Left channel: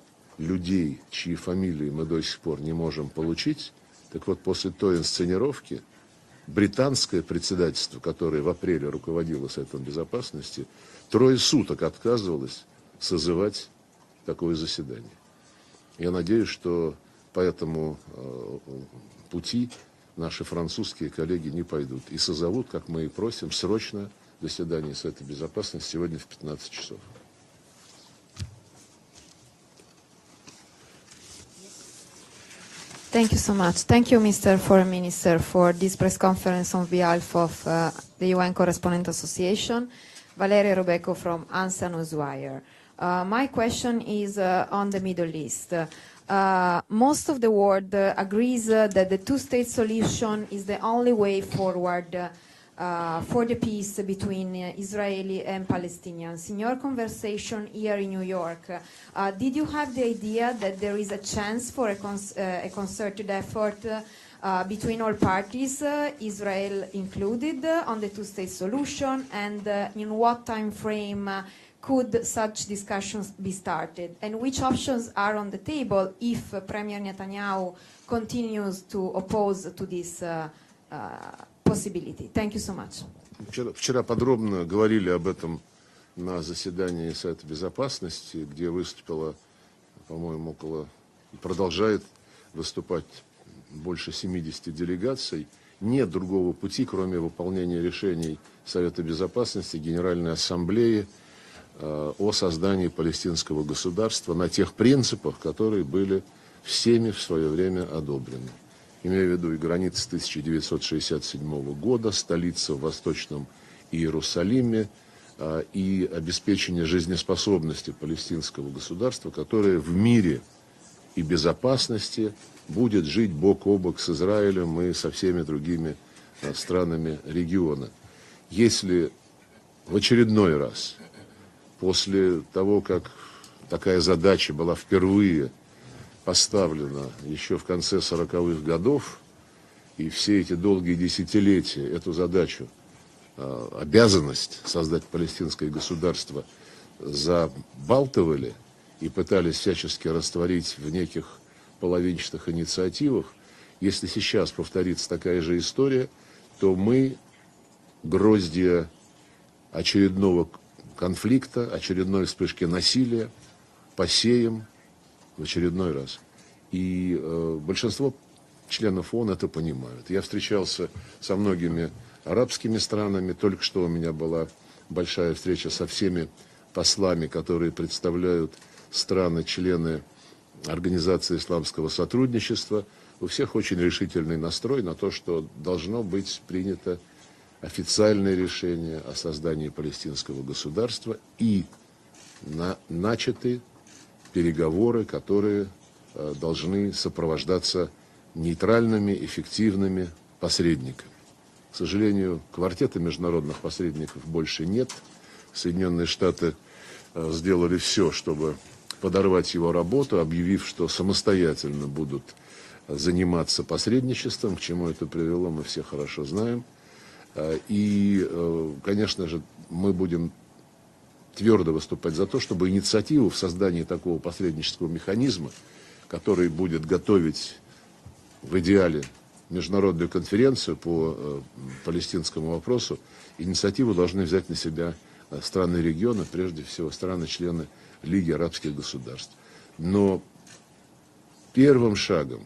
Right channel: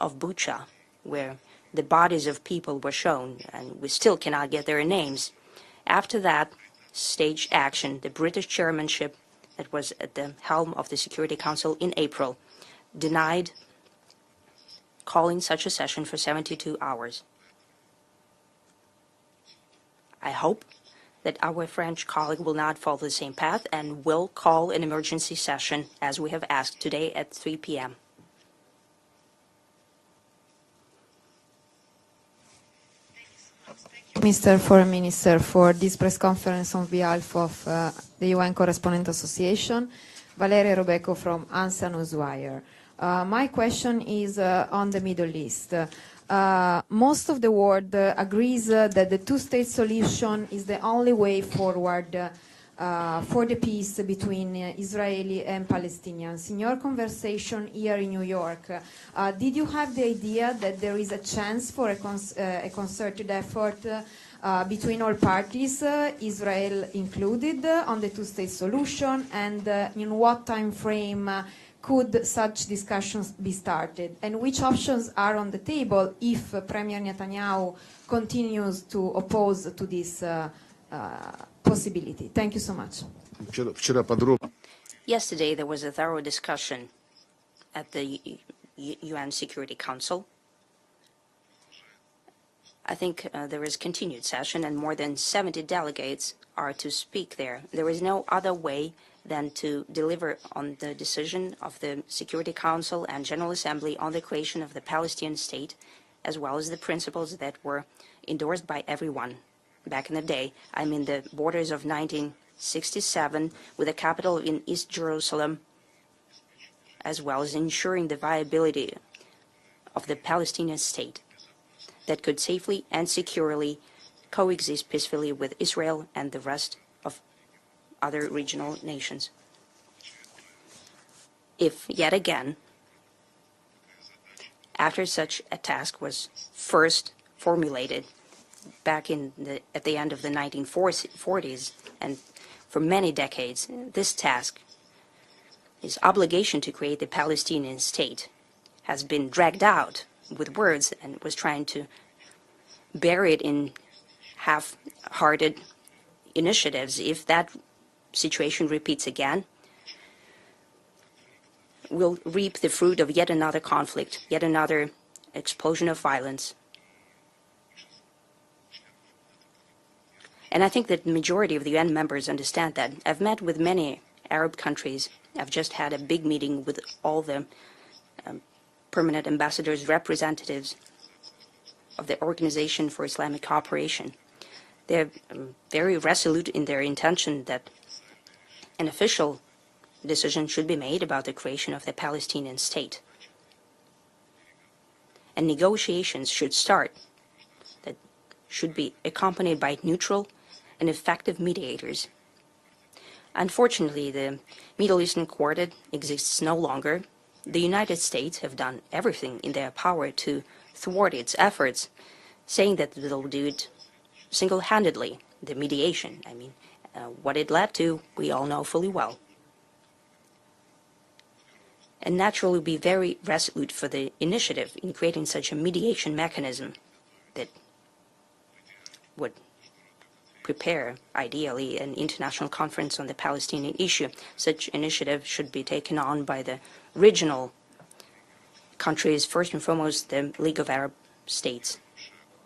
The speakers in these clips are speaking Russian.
of Bucha, where the bodies of people were shown, and we still cannot get their names. After that staged action, the British chairmanship that was at the helm of the Security Council in April denied calling such a session for 72 hours. I hope that our French colleague will not follow the same path and will call an emergency session, as we have asked today at 3 p.m. Thank you so much. Thank you, Mr. Foreign Minister, for this press conference on behalf of the UN Correspondent Association. Valeria Robeco from Ansa Newswire. My question is on the Middle East. Most of the world agrees that the two-state solution is the only way forward for the peace between Israeli and Palestinians. In your conversation here in New York, did you have the idea that there is a chance for a concerted effort between all parties, Israel included, on the two-state solution, and in what time frame could such discussions be started? And which options are on the table if Premier Netanyahu continues to oppose to this possibility? Thank you so much. Вчера подробно говорили об Yesterday, there этом was a thorough на discussion заседании Совета Безопасности, где выступило, UN Security Council. по-моему, продолжает I выступать think there is больше continued 70 session and more than 70 делегаций. Нет delegates другого are пути, to кроме speak there. выполнения There is no решений other way Совета than Безопасности, to Генеральной deliver on the Ассамблеи decision of the о Security создании Council and General палестинского Assembly on the государства на creation тех of the Palestinian принципах, которые state, были as well as the всеми в principles свое that время were одобрены. endorsed by Имею в everyone виду и границы back in the day. I mean the 1967 borders of года, столицу в 1967 Восточном with a capital in Иерусалиме East Jerusalem, и обеспечение as well as жизнеспособности ensuring the палестинского viability государства, которое в of the мире Palestinian state и that безопасности could safely будет and жить бок securely о бок с Израилем coexist и со peacefully всеми with другими Israel and the rest странами of региона. other regional Если nations. в очередной раз, If yet после again, того, как такая задача была after such впервые a task was поставлена first еще в конце formulated 40-х back годов, at the и end of the все эти долгие 1940s, десятилетия эту задачу, for many decades, this обязанность task, создать палестинское this государство, obligation to create the Palestinian state, забалтывали has и been пытались dragged out всячески with растворить words в and неких was trying to половинчатых инициативах. bury it in Если сейчас повторится такая half-hearted же история, то initiatives. мы If that situation гроздья repeats again, очередного конфликта, we'll очередной reap вспышки the fruit of yet насилия another conflict, yet посеем another в explosion очередной of раз. violence. И большинство членов ООН это понимают. Я And I встречался think that со majority of UN многими members understand арабскими that. I've странами. met with Только что у many меня была Arab countries. большая I've встреча just со had a big всеми meeting with all послами, the которые представляют permanent ambassadors, страны-члены representatives Организации исламского of the сотрудничества. Organization for У Islamic всех очень Cooperation. решительный настрой на They're то, что very должно быть resolute in their принято intention that официальное an решение о official создании палестинского decision should be made about the государства creation и of the Palestinian state. начаты переговоры, And которые negotiations should должны start, сопровождаться should be нейтральными, accompanied by эффективными neutral and посредниками. effective К mediators. сожалению, квартета международных Unfortunately, посредников the больше Middle нет. Eastern Quartet Соединенные exists Штаты no longer. The сделали United все, States чтобы have done everything подорвать in его their power работу, to объявив, что thwart its самостоятельно efforts, будут saying that they'll do заниматься it посредничеством, к чему это single-handedly, привело, the мы все mediation. хорошо знаем. What it led to, И, we all know fully well. конечно же, мы будем твердо выступать And за то, naturally чтобы be very инициативу в resolute создании for the такого initiative посреднического in creating such a механизма, mediation который mechanism будет готовить в идеале would международную конференцию prepare, по ideally, an палестинскому international вопросу. conference on the Palestinian Инициативу issue. должны взять на Such себя initiative should be страны taken региона, on by the прежде всего regional страны-члены Лиги арабских countries, государств. first and foremost Но the League of Arab States. Первым шагом,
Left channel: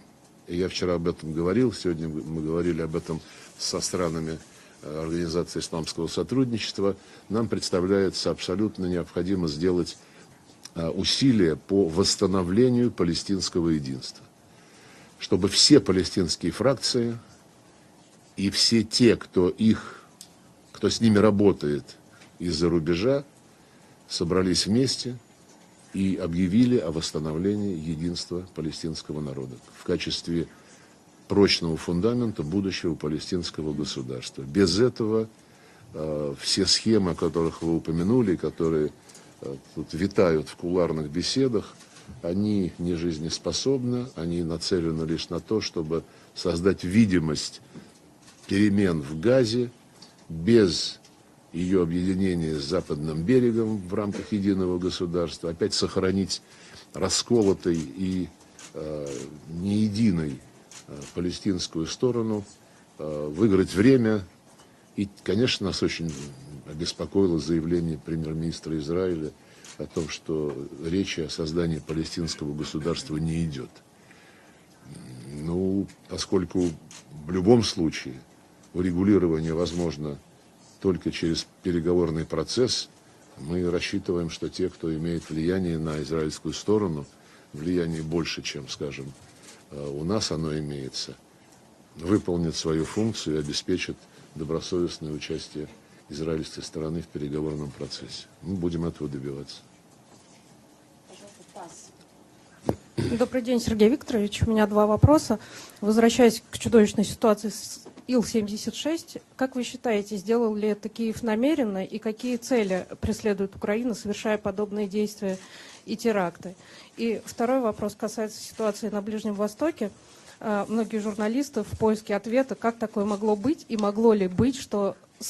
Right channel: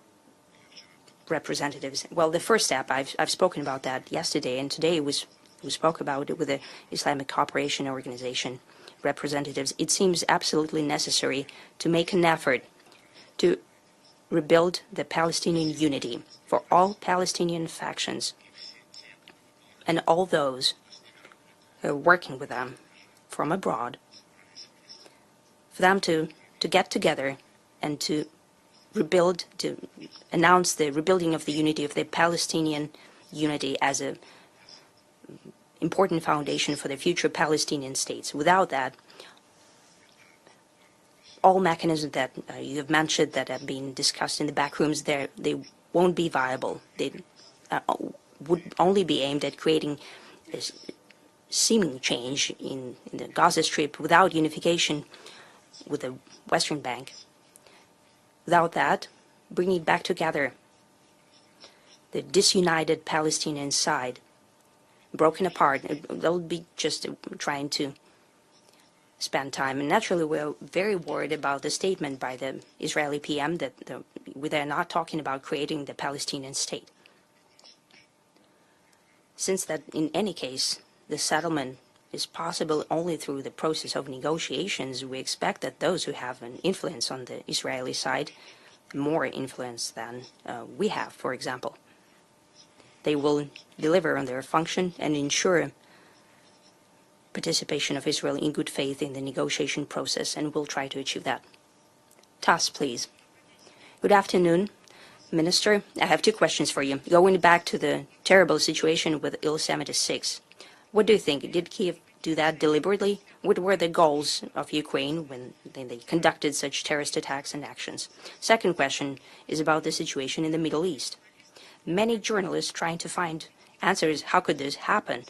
и я вчера об этом говорил, Representatives. сегодня Well, мы the first говорили step, об этом I've spoken со about that странами yesterday, and today we Организации spoke исламского about it with the сотрудничества. Islamic Нам Cooperation представляется Organization абсолютно необходимо representatives. It сделать seems absolutely усилия necessary по to make an effort восстановлению палестинского единства. rebuild the Чтобы Palestinian все unity палестинские for all фракции Palestinian factions и все те, кто and all those с ними работает who are working with из-за them рубежа, from abroad, собрались вместе for them и to объявили get о together восстановлении and to единства палестинского rebuild, народа to в качестве announce the rebuilding of the прочного unity of the фундамента Palestinian будущего палестинского unity as an государства. Без этого important все foundation for the схемы, future которых вы Palestinian states. упомянули, Without которые that, тут витают в кулуарных all беседах, mechanisms that они you have mentioned that are being нежизнеспособны, discussed они in the back rooms, нацелены лишь на they то, чтобы won't be viable. создать They видимость would перемен only в be aimed at Газе creating без seeming change in the Gaza Strip without unification with the Western Bank. Without that, bringing back together the disunited Palestinian side, broken apart, they'll be just trying to spend time. And naturally, we're very worried about the statement by the Israeli PM that they're not talking about creating the Palestinian state. Since that in any case, the settlement is possible only through the process of negotiations, we expect that those who have an influence on the Israeli side, more influence than we have, for example, they will deliver on their function and ensure participation of Israel in good faith in the negotiation process, and we'll try to achieve that. Tass, please. Good afternoon, Minister. I have two questions for you. Going back to the terrible situation with Il-76, what do you think? Did Kyiv do that deliberately? What were the goals of Ukraine when they conducted such terrorist attacks and actions? Second question is about the situation in the Middle East. Many journalists trying to find answers. How could this happen?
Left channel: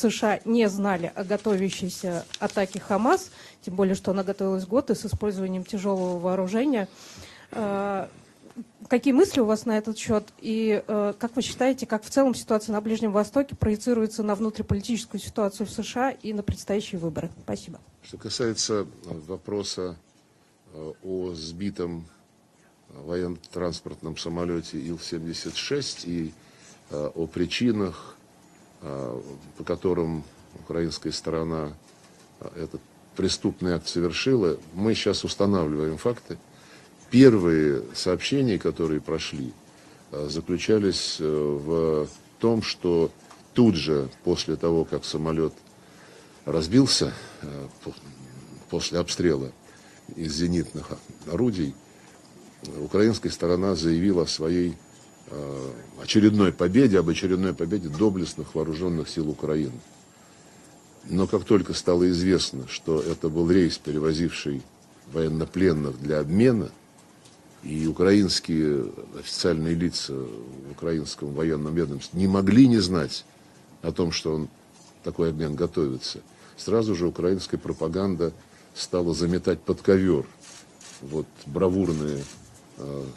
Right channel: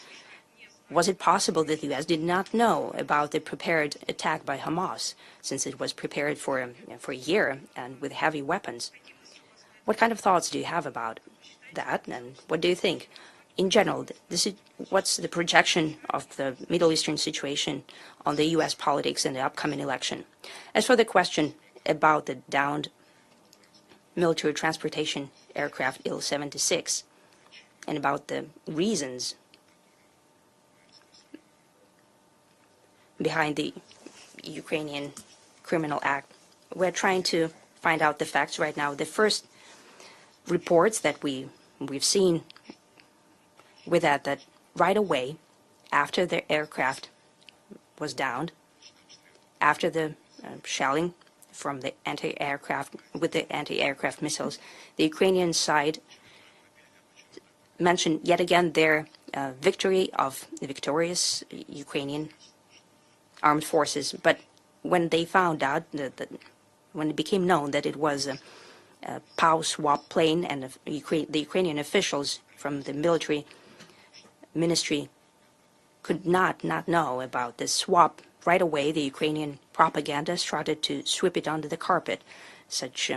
Was it possible that the US did not know about the prepared attack by Hamas, since it was prepared for a year with heavy weapons? What kind of thoughts do you have about that? What do you think? In general, what's the projection of the Middle Eastern situation on the U.S. politics in the upcoming election? As for the question about the downed military transportation aircraft Il-76 and about the reasons behind the Ukrainian criminal act, we're trying to find out the facts right now. The first reports that we've seen with that right away after the aircraft was downed, after the shelling from the anti-aircraft with the anti-aircraft missiles, the Ukrainian side mentioned yet again their victory of the victorious Ukrainian armed forces. But when they found out, when it became known that it was a POW swap plane and the Ukrainian officials from the military ministry could not know about the swap. Right away, the Ukrainian propaganda started to sweep it under the carpet, such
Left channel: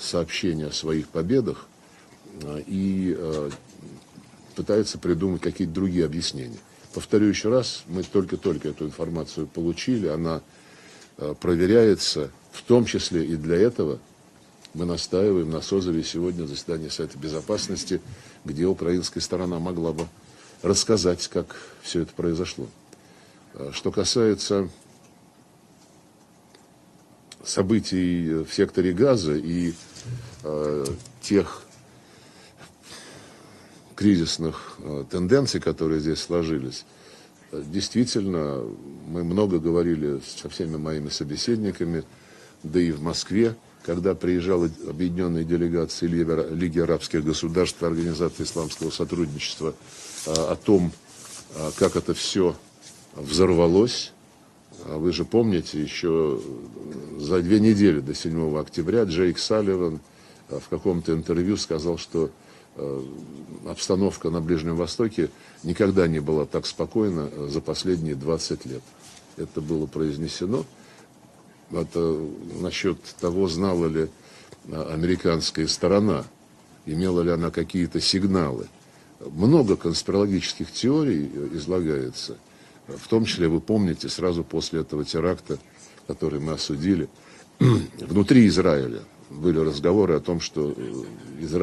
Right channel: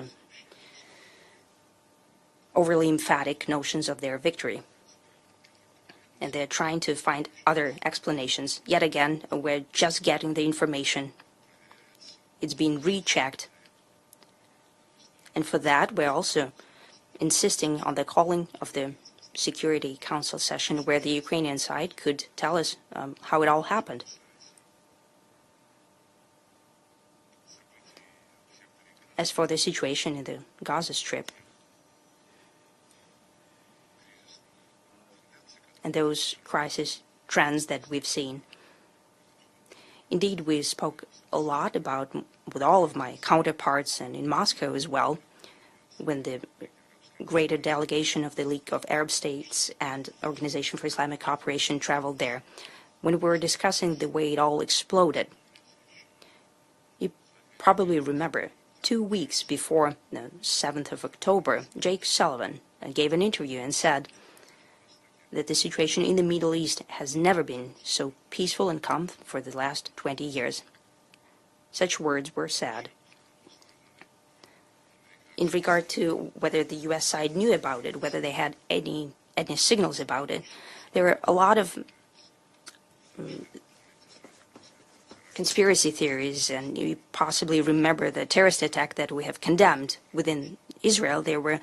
overly emphatic notions of their victory. And they're trying to find other explanations. Yet again, we're just getting the information. It's being rechecked. And for that, we're also insisting on the calling of the Security Council session where the Ukrainian side could tell us how it all happened. As for the situation in the Gaza Strip, those crisis trends that we've seen, indeed we spoke a lot about with all of my counterparts and in Moscow as well, with the greater delegation of the League of Arab States and Organization for Islamic Cooperation traveled there. When we were discussing the way it all exploded, you probably remember 2 weeks before the 7th of October, Jake Sullivan gave an interview and said that the situation in the Middle East has never been so peaceful and calm for the last 20 years. Such words were said. In regard to whether the U.S. side knew about it, whether they had any signals about it, there were a lot of conspiracy theories, and you possibly remember the terrorist attack that we have condemned. Within Israel, there was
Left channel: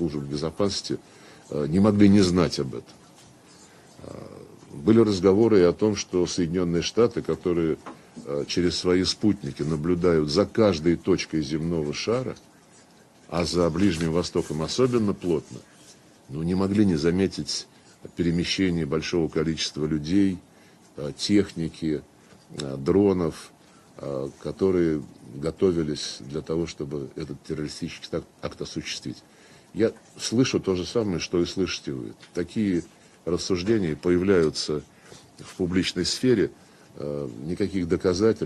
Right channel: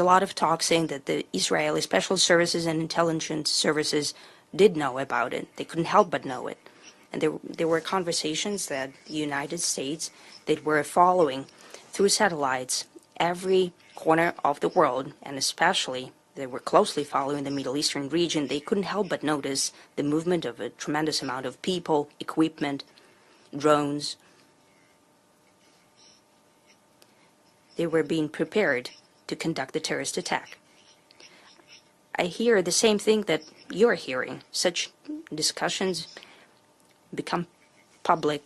a lot of talk saying that the Israeli special services and intelligence services did know about it. They couldn't help but know it. And there were conversations that the United States, they were following through satellites every corner of the world, and especially they were closely following the Middle Eastern region. They couldn't help but notice the movement of a tremendous amount of people, equipment, drones. They were being prepared to conduct the terrorist attack. I hear the same thing that you're hearing. Such discussions become public,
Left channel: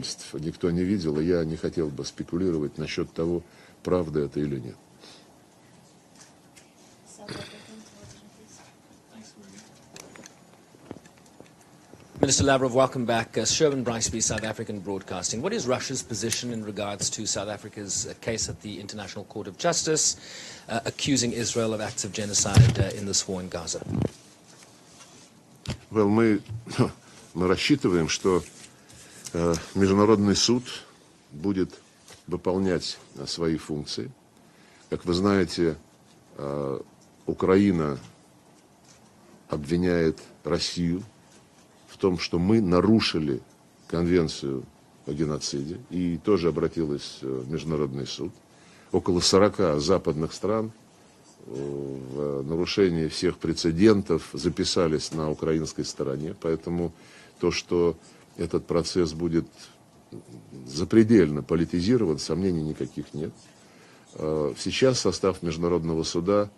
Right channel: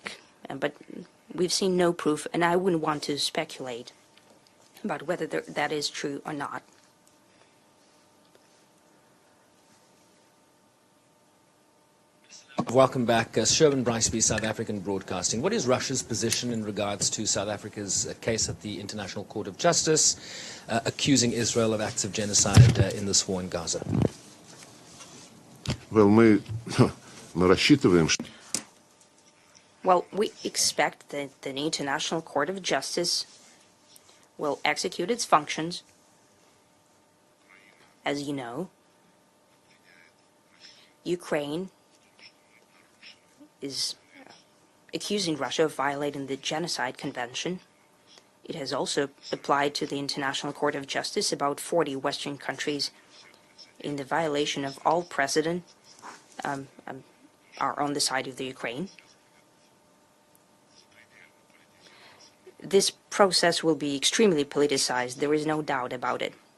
but we've seen no proof, and I wouldn't want to speculate about whether that is true or not. Minister Lavrov, welcome back. Sherman Briceby, South African Broadcasting. What is Russia's position in regards to South Africa's case at the International Court of Justice, accusing Israel of acts of genocide in this war in Gaza? Well, мы рассчитываем, что Международный суд будет выполнять свои функции. Как вы знаете, Украина обвиняет Россию в том, что мы нарушили Конвенцию о геноциде, и тоже обратилась в Международный суд. Около 40 западных стран в нарушении всех прецедентов записались на украинской стороне, поэтому то, что этот процесс будет запредельно политизирован, сомнений никаких нет. Сейчас состав Международного суда,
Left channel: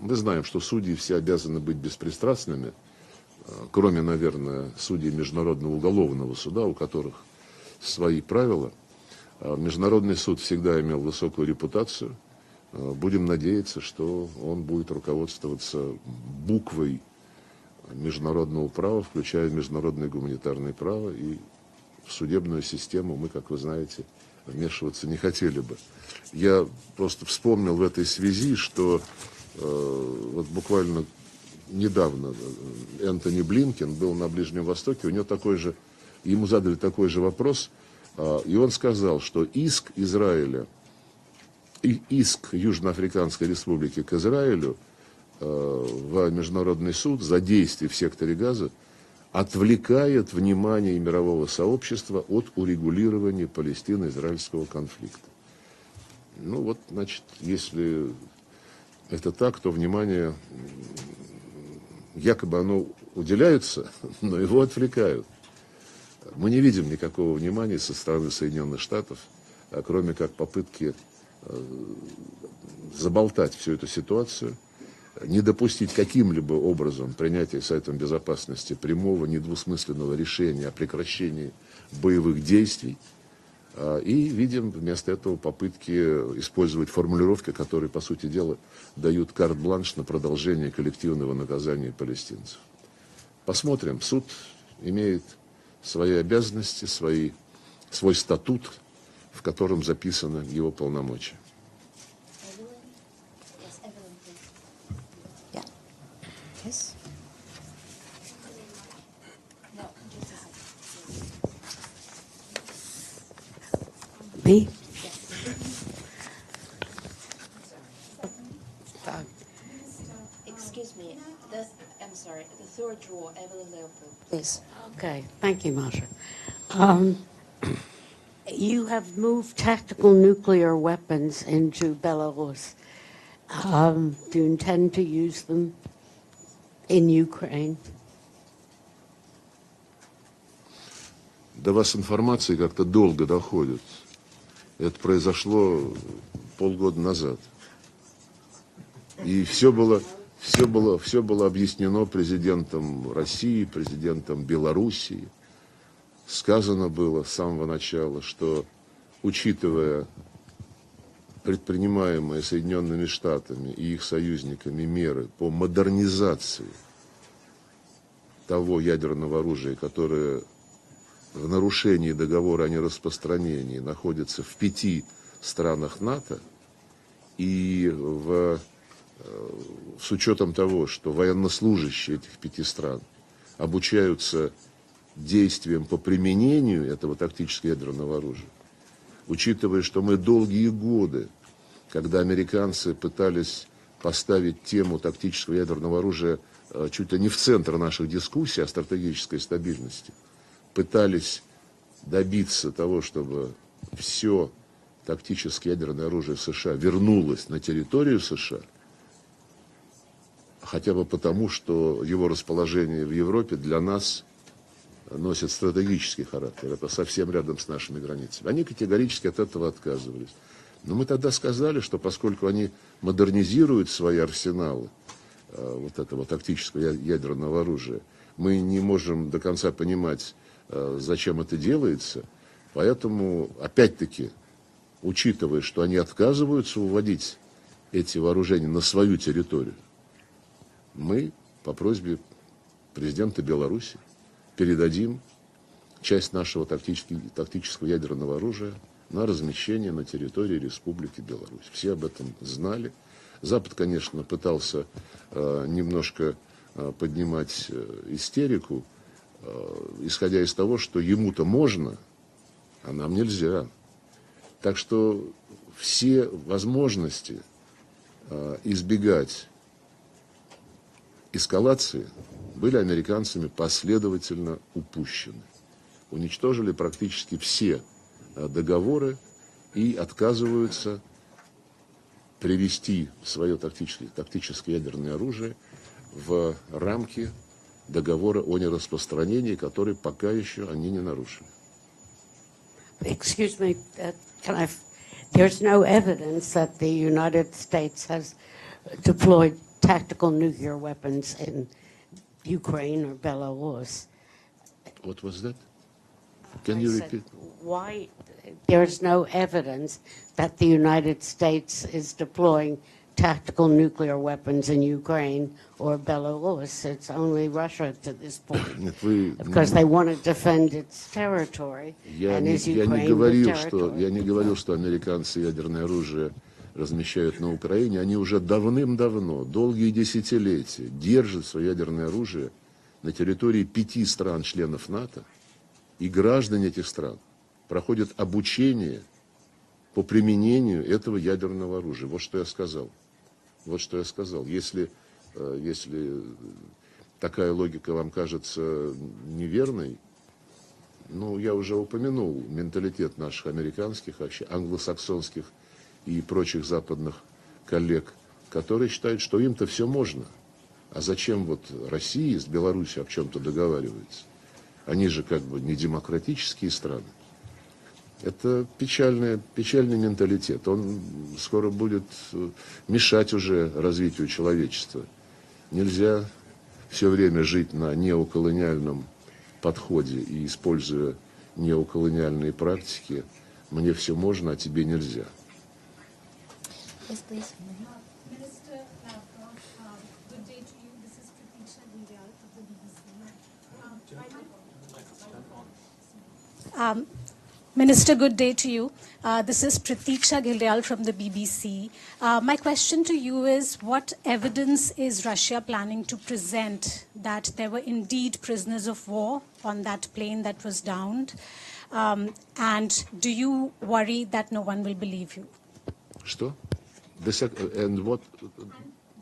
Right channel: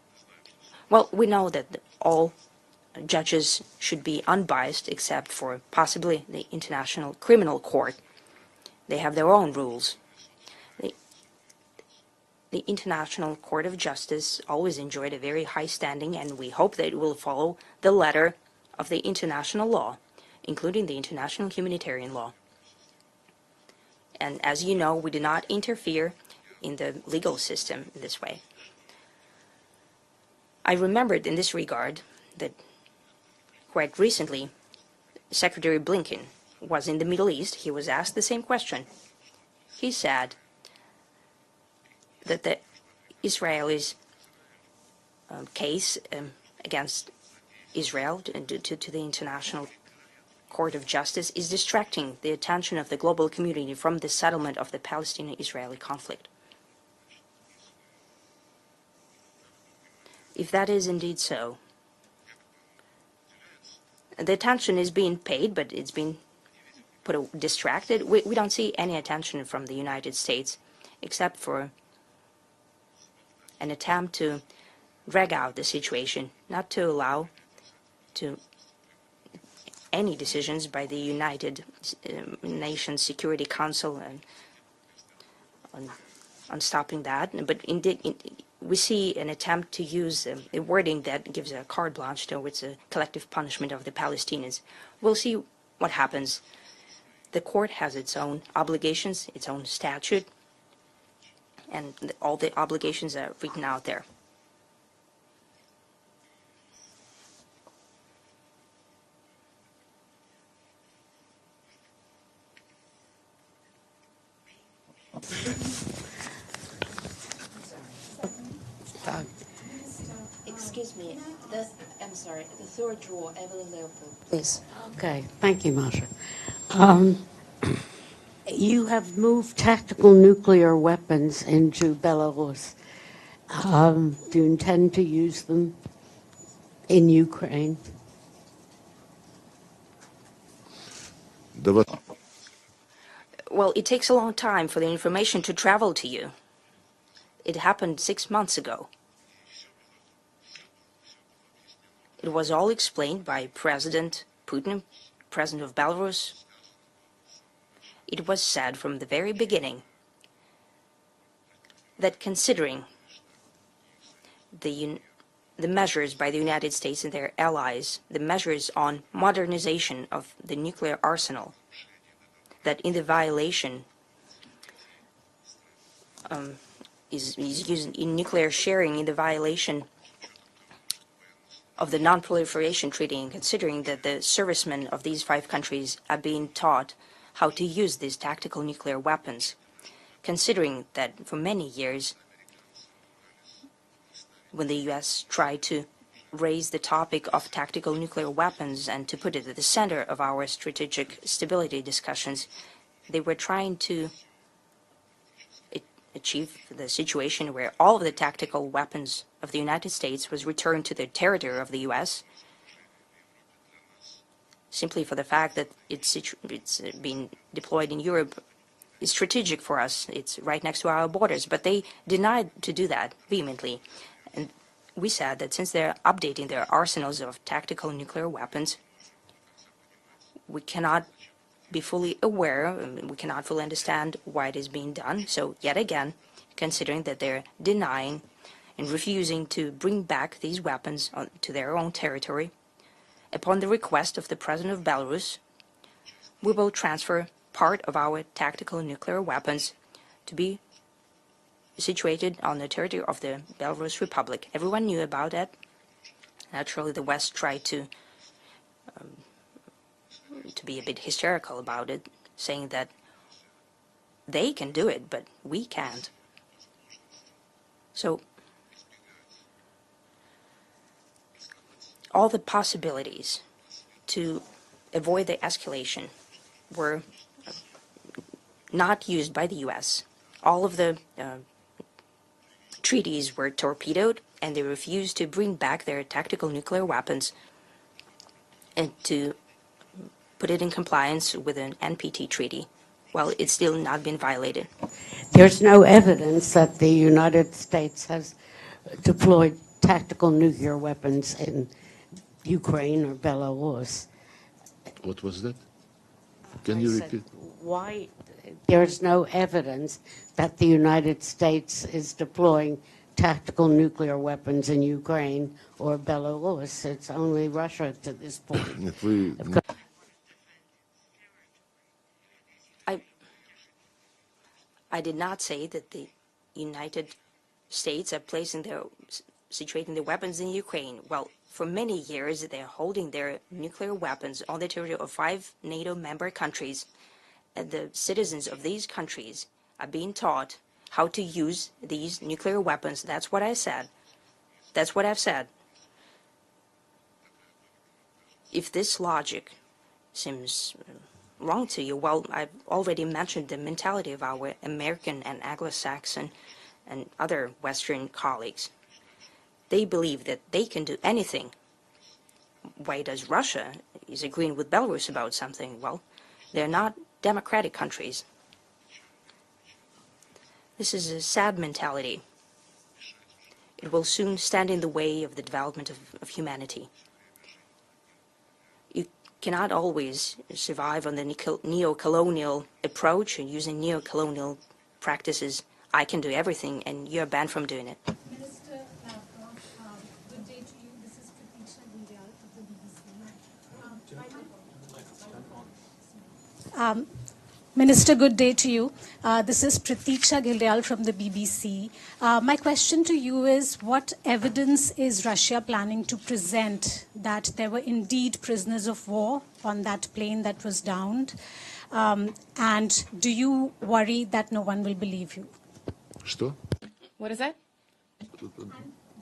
мы знаем, что судьи все обязаны быть беспристрастными, кроме, наверное, судей Международного уголовного суда, у которых свои правила. Международный суд всегда имел высокую репутацию. Будем надеяться, что он будет руководствоваться буквой международного права, включая международное гуманитарное право, и судебную систему мы, как вы знаете, вмешиваться не хотели. Я просто вспомнил в этой связи, что вот буквально недавно Энтони Блинкен был на Ближнем Востоке, у него такой же, ему задали такой же вопрос, и он сказал, что иск Израиля, иск Южноафриканской Республики к Израилю в Международный суд за действия в секторе Газа отвлекает внимание мирового сообщества от урегулирования палестино-израильского конфликта. Ну вот, значит, если это так, то внимание якобы оно уделяется, но его отвлекают. Мы не видим никакого внимания со стороны Соединенных Штатов, кроме как попытки заболтать всю эту ситуацию, не допустить каким-либо образом принятия Советом Безопасности прямого, недвусмысленного решения о прекращении боевых действий. И видим вместо этого попытки использовать формулировки, которые, по сути дела, дают карт-бланш на продолжение коллективного наказания палестинцев. Посмотрим, суд имеет свои обязанности, свой статут, в котором записаны его полномочия. Yes. Me? Excuse me. I'm sorry. The third drawer, Evelyn Leopold, please. Okay. Thank you, Masha. You have moved tactical nuclear weapons into Belarus. Do you intend to use them in Ukraine? До вас информации как-то долго доходит. Well, it takes a long time for the information to travel to you. Полгода назад. It happened 6 months ago. И все было объяснено президентом России, президентом Белоруссии. Сказано было с самого начала, что, учитывая предпринимаемые Соединенными Штатами и их союзниками меры по модернизации того ядерного оружия, которое в нарушении договора о нераспространении находится в 5 странах НАТО, и с учетом того, что военнослужащие этих стран обучаются действиям по применению этого тактического ядерного оружия, учитывая, что мы долгие годы, когда американцы пытались поставить тему тактического ядерного оружия чуть ли не в центр наших дискуссий о стратегической стабильности, пытались добиться того, чтобы все тактическое ядерное оружие США вернулось на территорию США, хотя бы потому, что его расположение в Европе для нас носит стратегический характер. Это совсем рядом с нашими границами. Они категорически от этого отказываются. И мы тогда сказали, что поскольку они модернизируют свои арсеналы этого тактического ядерного оружия, мы не можем до конца понимать, зачем это делается. Поэтому, опять-таки, учитывая, что они отказываются уводить эти вооружения на свою территорию, мы по просьбе президента upon the Беларуси request of the President of передадим Belarus, часть we нашего will transfer part тактического of our ядерного tactical оружия nuclear на weapons размещение на территории Республики Беларусь. Все об situated этом on the знали. territory of the Запад, Belarus конечно, Republic. пытался Everyone knew about it. немножко Naturally, the West tried поднимать to истерику, исходя из be того, a что bit ему-то hysterical можно, about it, saying that а нам нельзя. they can Так do it, что but we can't. все возможности So избегать эскалации all the были американцами possibilities последовательно to avoid the упущены. escalation Уничтожили were практически все not договоры used by the и U.S. All of the отказываются привести treaties were свое torpedoed, and they тактическое ядерное refused to bring оружие back their tactical в nuclear рамки weapons, договора о нераспространении, который пока put еще it in они не compliance нарушили. with an NPT treaty. Well, Excuse it's still me, not been violated. There's no evidence that the United States has deployed tactical nuclear weapons in Ukraine or Belarus. What was that? Can you repeat? Why there's no evidence that the United States is deploying tactical nuclear weapons in Ukraine or Belarus? It's only Russia to this point, Нет, вы because they want to defend its territory. Я And не is Ukraine the говорил, territory? что американцы say ядерное that оружие United размещают на Украине. Они States are уже placing давным-давно, долгие situating the weapons in десятилетия, Ukraine. держат For свое many ядерное years, оружие they're holding на their территории nuclear 5 weapons стран, on the членов territory of НАТО, 5 NATO и member граждане countries. этих стран And the проходят citizens of these обучение countries are по being применению taught how этого to use ядерного оружия. these Вот что я nuclear сказал. weapons. That's what I Вот said. что я сказал. That's what I've said. Если такая логика вам кажется If this logic неверной, seems ну, я wrong уже to you, well, упомянул I've already менталитет наших mentioned the mentality американских, of our American and англосаксонских и Anglo-Saxon прочих западных and other Western коллег, colleagues. которые считают, что им-то They все можно. believe that they can do А зачем anything. вот России с Беларусью Why о does чем-то Russia is договариваться? agreeing with Они Belarus же about как бы не something? Well, демократические they're not страны. democratic countries. Это печальный менталитет. Он This is a sad скоро mentality. будет мешать уже Will развитию soon stand in the человечества. way of the development Нельзя of humanity. все время жить на неоколониальном You cannot подходе always и survive используя on the неоколониальные neo-colonial практики. approach and using Мне все можно, а neo-colonial тебе нельзя. practices. I can do everything, and you're banned from doing it. Minister Lavrov, good day to you. This is Pratiksha Gundiyal of the BBC. Minister, good day to you. This is Pratiksha Gildayal from the BBC. My question to you is, what evidence is Russia planning to present that there were indeed prisoners of war on that plane that was downed? And do you worry that no one will believe you? Что? And what? And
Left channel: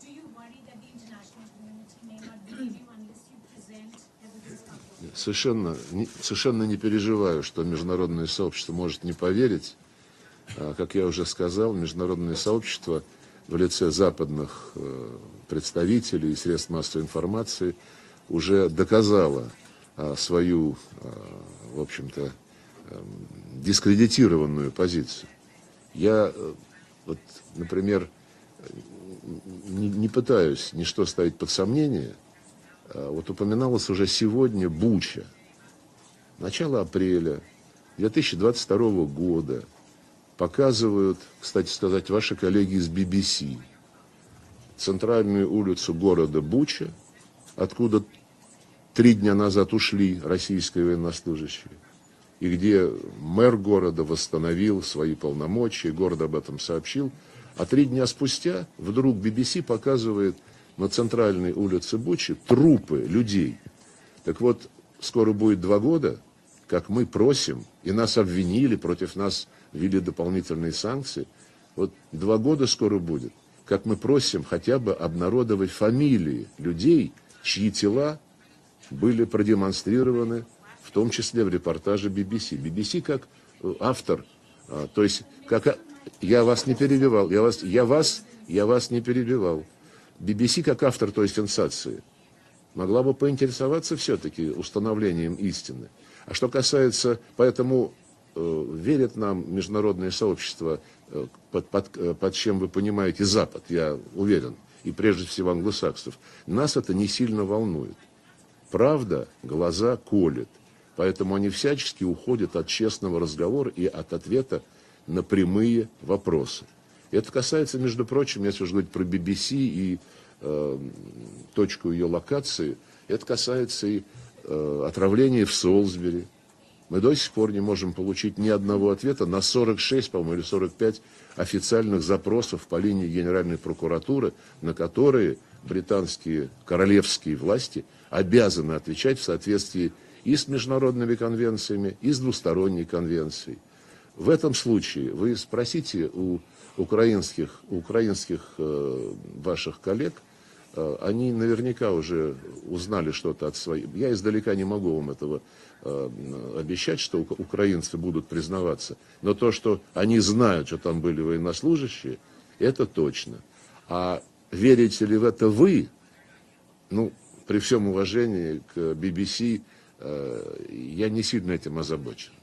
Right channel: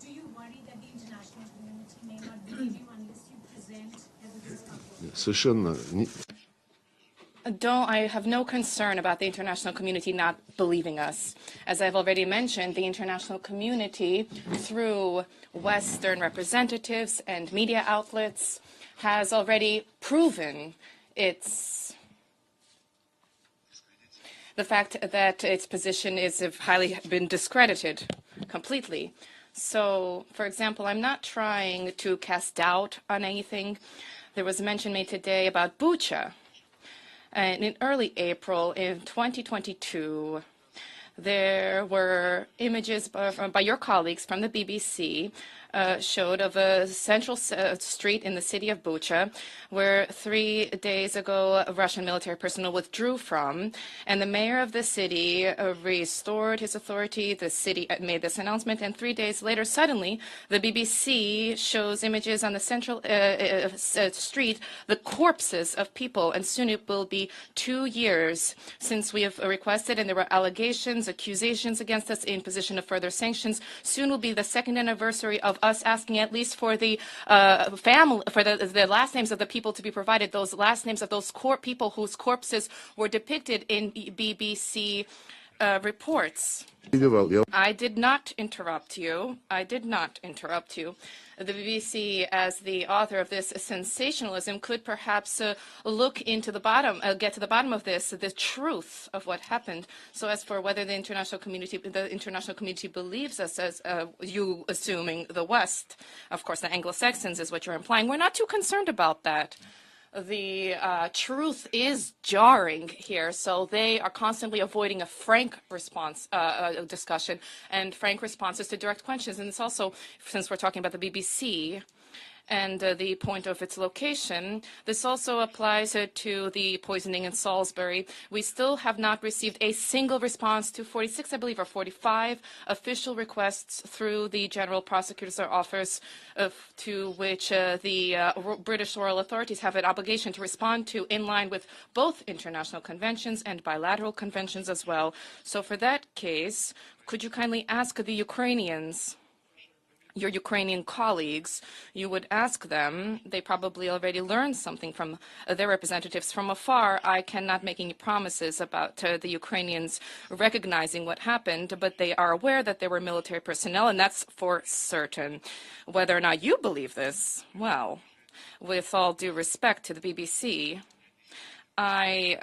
do you worry that the international community may not believe you unless you present evidence of war? Совершенно не переживаю, что международное сообщество может не поверить. Как я уже сказал, международное сообщество в лице западных представителей средств массовой информации уже доказало свою, в общем-то, дискредитированную позицию. Я, например, не пытаюсь ничто ставить под сомнение. Упоминалось уже сегодня Буча. Начало апреля 2022 года показывают, кстати сказать, ваши коллеги из BBC, центральную улицу города Буча, откуда 3 дня назад ушли российские военнослужащие, и где мэр города восстановил свои полномочия, город об этом сообщил, а 3 дня спустя вдруг BBC показывает на центральной улице Бучи трупы людей. Так вот, скоро будет 2 года, как мы просим, и нас обвинили, против нас ввели дополнительные санкции. Вот 2 года скоро будет, как мы просим хотя бы обнародовать фамилии людей, чьи тела были продемонстрированы, в том числе в репортаже BBC. BBC как автор, то есть, как я вас не перебивал, я вас не перебивал. BBC как автор той сенсации могла бы поинтересоваться все-таки установлением истины. А что касается, поэтому верит нам международное сообщество, под чем вы понимаете Запад, я уверен, и прежде всего англосаксов. Нас это не сильно волнует. Правда, глаза колят, поэтому они всячески уходят от честного разговора и от ответа на прямые вопросы. Это касается, между прочим, впрочем, если уж говорить про BBC и точку ее локации, это касается и отравления в Солсбери. Мы до сих пор не можем получить ни одного ответа на 46, по-моему, или 45 официальных запросов по линии Генеральной прокуратуры, на которые британские королевские власти обязаны отвечать в соответствии и с международными конвенциями, и с двусторонней конвенцией. В этом случае вы спросите у украинских ваших коллег, они наверняка уже узнали что-то от своих. Я издалека не могу вам этого обещать, что украинцы будут признаваться. Но то, что они знают, что там были военнослужащие, это точно. А верите ли в это вы? Ну, при всем уважении к BBC, я не сильно этим озабочен.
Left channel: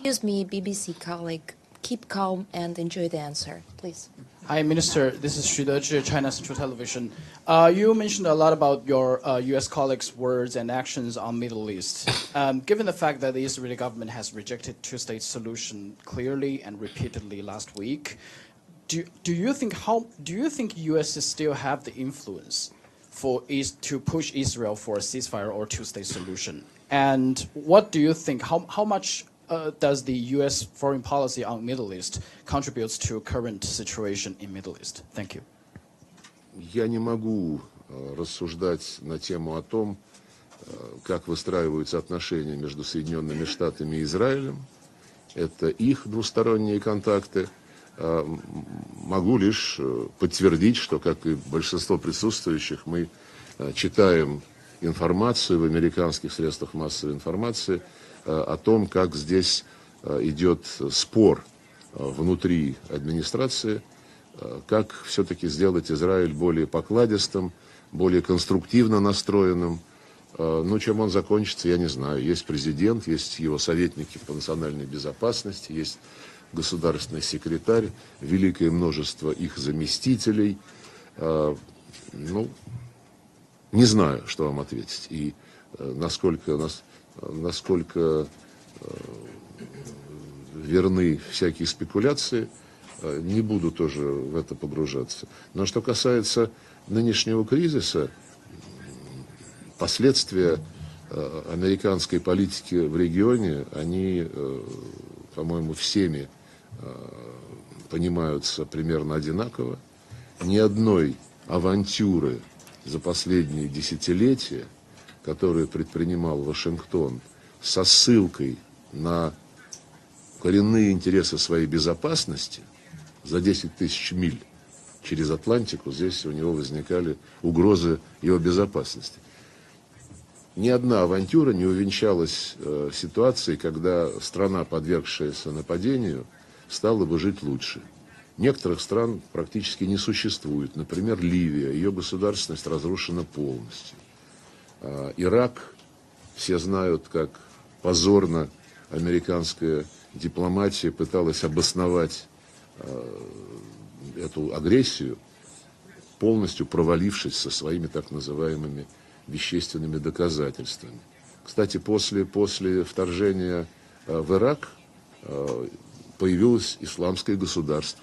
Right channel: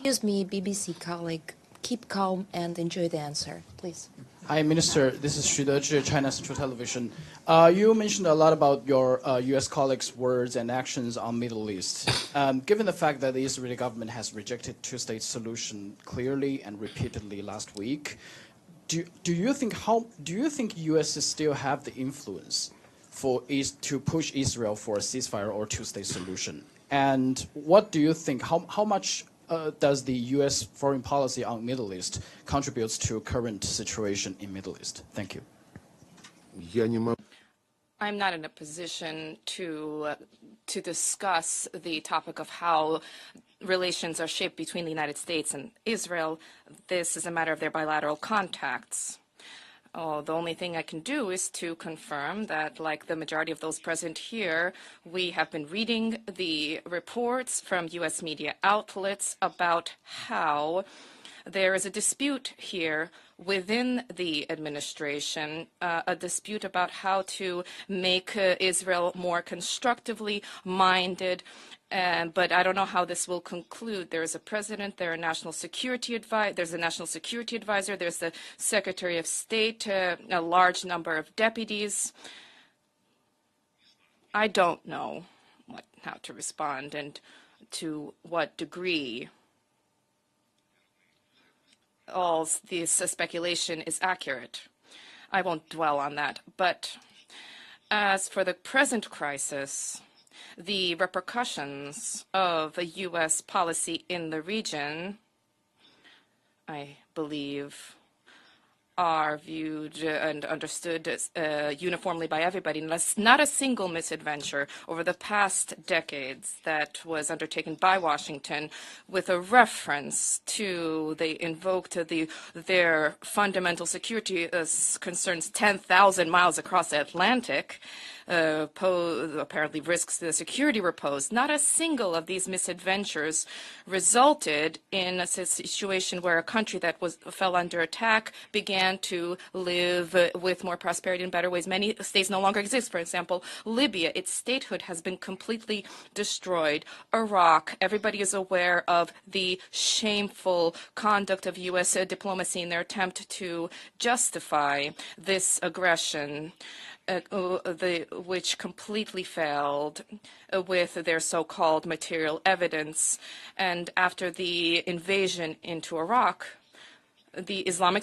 Excuse me, BBC colleague. Keep calm and enjoy the answer, please. Hi, Minister. This is Xu Deji, China Central Television. You mentioned a lot about your U.S. colleagues' words and actions on Middle East. Given the fact that the Israeli government has rejected two-state solution clearly and repeatedly last week, do you think U.S. still have the influence to push Israel for a ceasefire or two-state solution? And what do you think? How much does the U.S. foreign policy on Middle East contributes to current situation in Middle East? Thank you. Я не могу рассуждать на тему о том, как выстраиваются отношения между Соединенными Штатами и Израилем. Это их двусторонние контакты. Могу лишь подтвердить, что, как и большинство присутствующих, мы читаем информацию в американских средствах массовой информации о том, как здесь идет спор внутри администрации, как все-таки сделать Израиль более покладистым, более конструктивно настроенным. Ну, чем он закончится, я не знаю. Есть президент, есть его советники по национальной безопасности, есть государственный секретарь, великое множество их заместителей. Ну, не знаю, что вам ответить. И насколько верны всякие спекуляции, не буду тоже в это погружаться. Но что касается нынешнего кризиса, последствия американской политики в регионе, они, по-моему, всеми понимаются примерно одинаково. Ни одной авантюры за последние десятилетия, которые предпринимал Вашингтон со ссылкой на коренные интересы своей безопасности, за 10 тысяч миль через Атлантику здесь возникали угрозы его безопасности. Ни одна авантюра не увенчалась ситуацией, когда страна, подвергшаяся нападению, стала бы жить лучше. Некоторых стран практически не существует. Например, Ливия. Ее государственность разрушена полностью. Ирак, все знают, как позорно американская дипломатия пыталась обосновать эту агрессию, полностью провалившись со своими так называемыми вещественными доказательствами. Кстати, после вторжения в Ирак появилось исламское государство.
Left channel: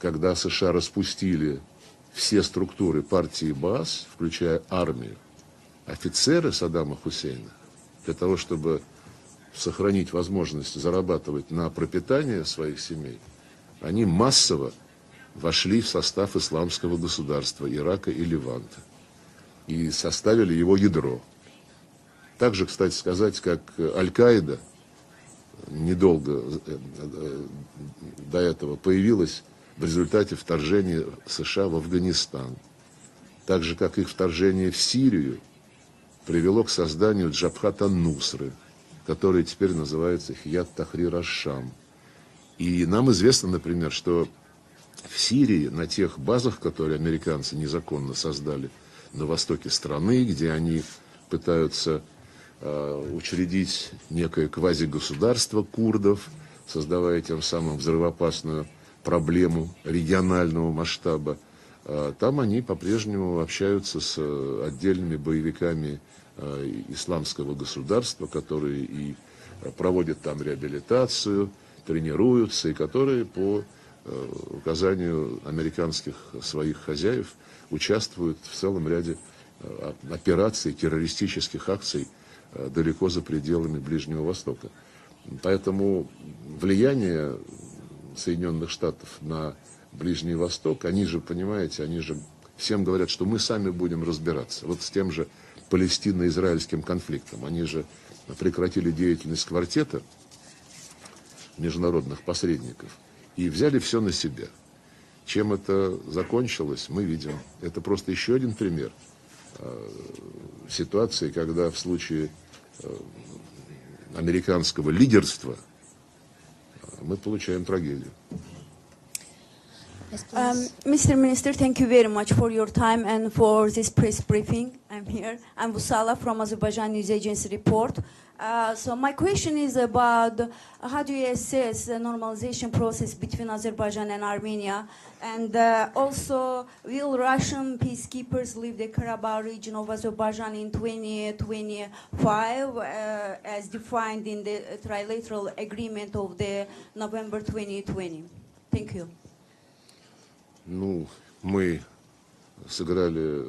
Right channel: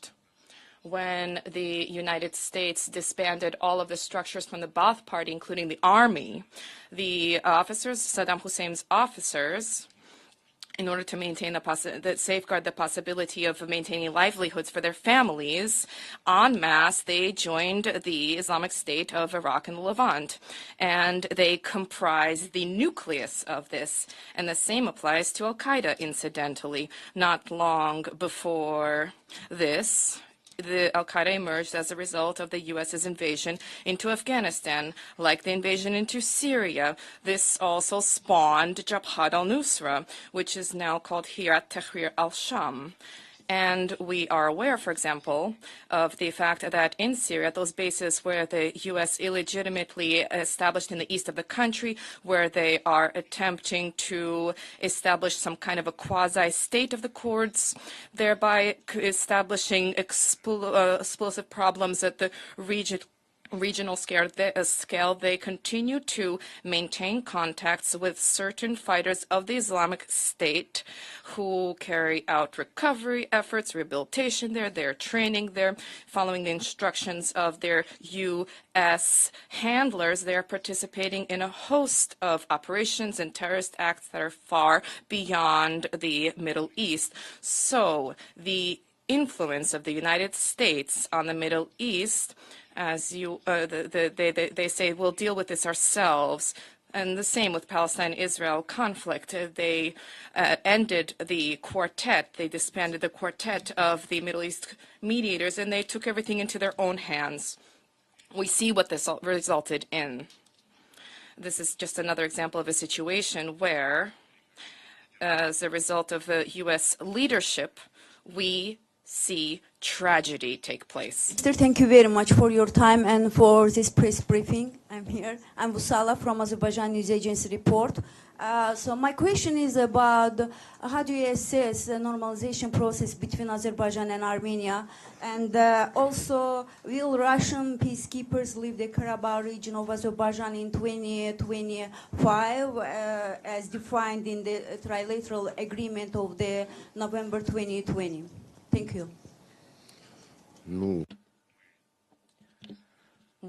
Когда США распустили все структуры партии БААС, включая армию, офицеры Саддама Хусейна, для того, чтобы сохранить возможность зарабатывать на пропитание своей семьи, они массово вошли в состав исламского государства Ирака и Ливана и составили его ядро. Также, кстати сказать, как Аль-Каида недолго до этого появилась в результате вторжения США в Афганистан. Так же, как и вторжение в Сирию привело к созданию Джабхата Нусра, который теперь называется Хият Тахрир Аль-Шам. И нам известно, например, что в Сирии, на тех базах, которые американцы незаконно создали на востоке страны, где они пытаются учредить некое квазигосударство курдов, создавая тем самым взрывоопасную проблему регионального масштаба. Там они по-прежнему общаются с отдельными боевиками исламского государства, которые проводят там реабилитацию, тренируются, и которые по указанию американских своих хозяев участвуют в целом ряде операций, террористических акций далеко за пределами Ближнего Востока. Поэтому влияние Соединенных Штатов на Ближний Восток, они же, понимаете, они же всем говорят, что мы сами будем разбираться вот с тем же палестино-израильским конфликтом. Они же прекратили деятельность квартета международных посредников и взяли все на себя. Чем это закончилось, мы видим. Это просто еще один пример ситуации, когда в случае американского лидерства мы получаем трагедию. Mr. Minister, thank you very much for your time and for this press briefing. I'm here. I'm Vusala from Azerbaijan News Agency report. So my question is about how do you assess the normalization process between Azerbaijan and Armenia, and also will Russian peacekeepers leave the Karabakh region of Azerbaijan in 2025 as defined in the trilateral agreement of the November 2020? Thank you. Ну, мы сыграли,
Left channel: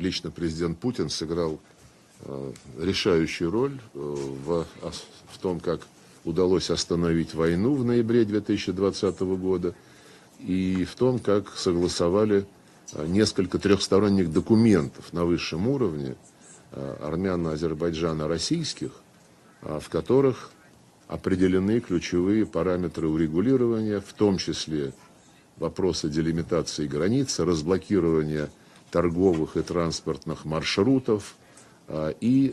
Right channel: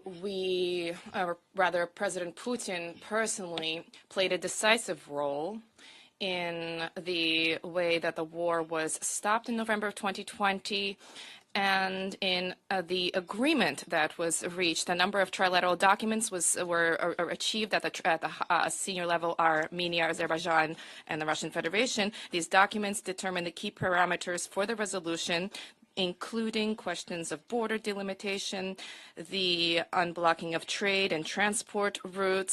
лично президент Путин сыграл решающую роль в том, как удалось остановить войну в ноябре 2020 года и в том, как согласовали несколько трехсторонних документов на высшем уровне армяно-азербайджано-российских, в которых определены ключевые параметры урегулирования, в том числе вопросы делимитации границ, разблокирования торговых и транспортных маршрутов и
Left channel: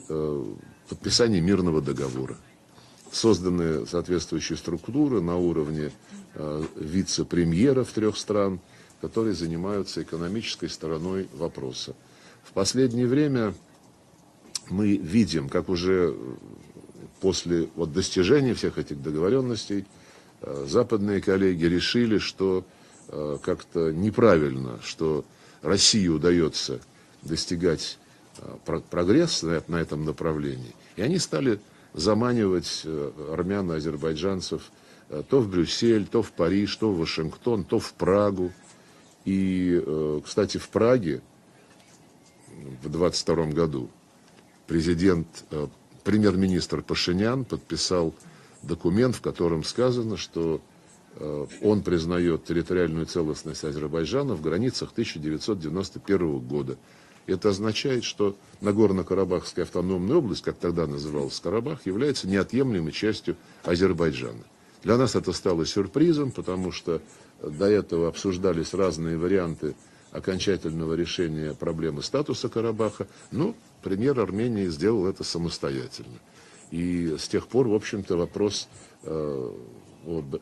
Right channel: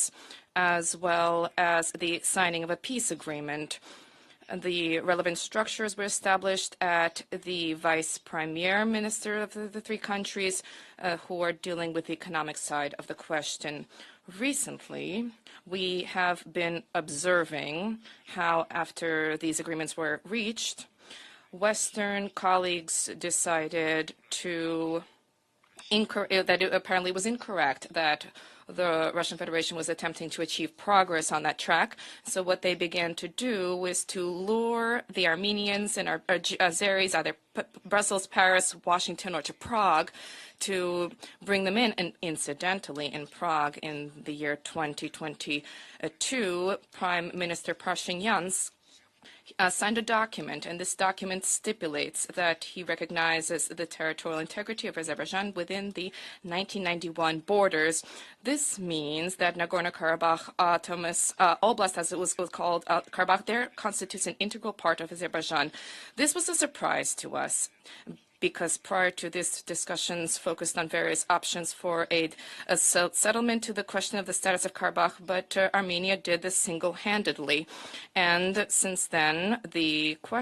подписание мирного договора. Созданы соответствующие структуры на уровне вице-премьеров трех стран, которые занимаются экономической стороной вопроса. В последнее время мы видим, как уже после достижения всех этих договоренностей западные коллеги решили, что как-то неправильно, что России удается достигать прогресса на этом направлении. И они стали заманивать армян-азербайджанцев то в Брюссель, то в Париж, то в Вашингтон, то в Прагу. И, кстати, в Праге в 2022 году премьер-министр Пашинян подписал документ, в котором сказано, что он признает территориальную целостность Азербайджана в границах 1991 года. Это означает, что Нагорно-Карабахская автономная область, как тогда называлась Карабах, является неотъемлемой частью Азербайджана. Для нас это стало сюрпризом, потому что до этого обсуждались разные варианты окончательного решения проблемы статуса Карабаха. Премьер Армении сделал это самостоятельно. И с тех пор, в общем-то, вопрос о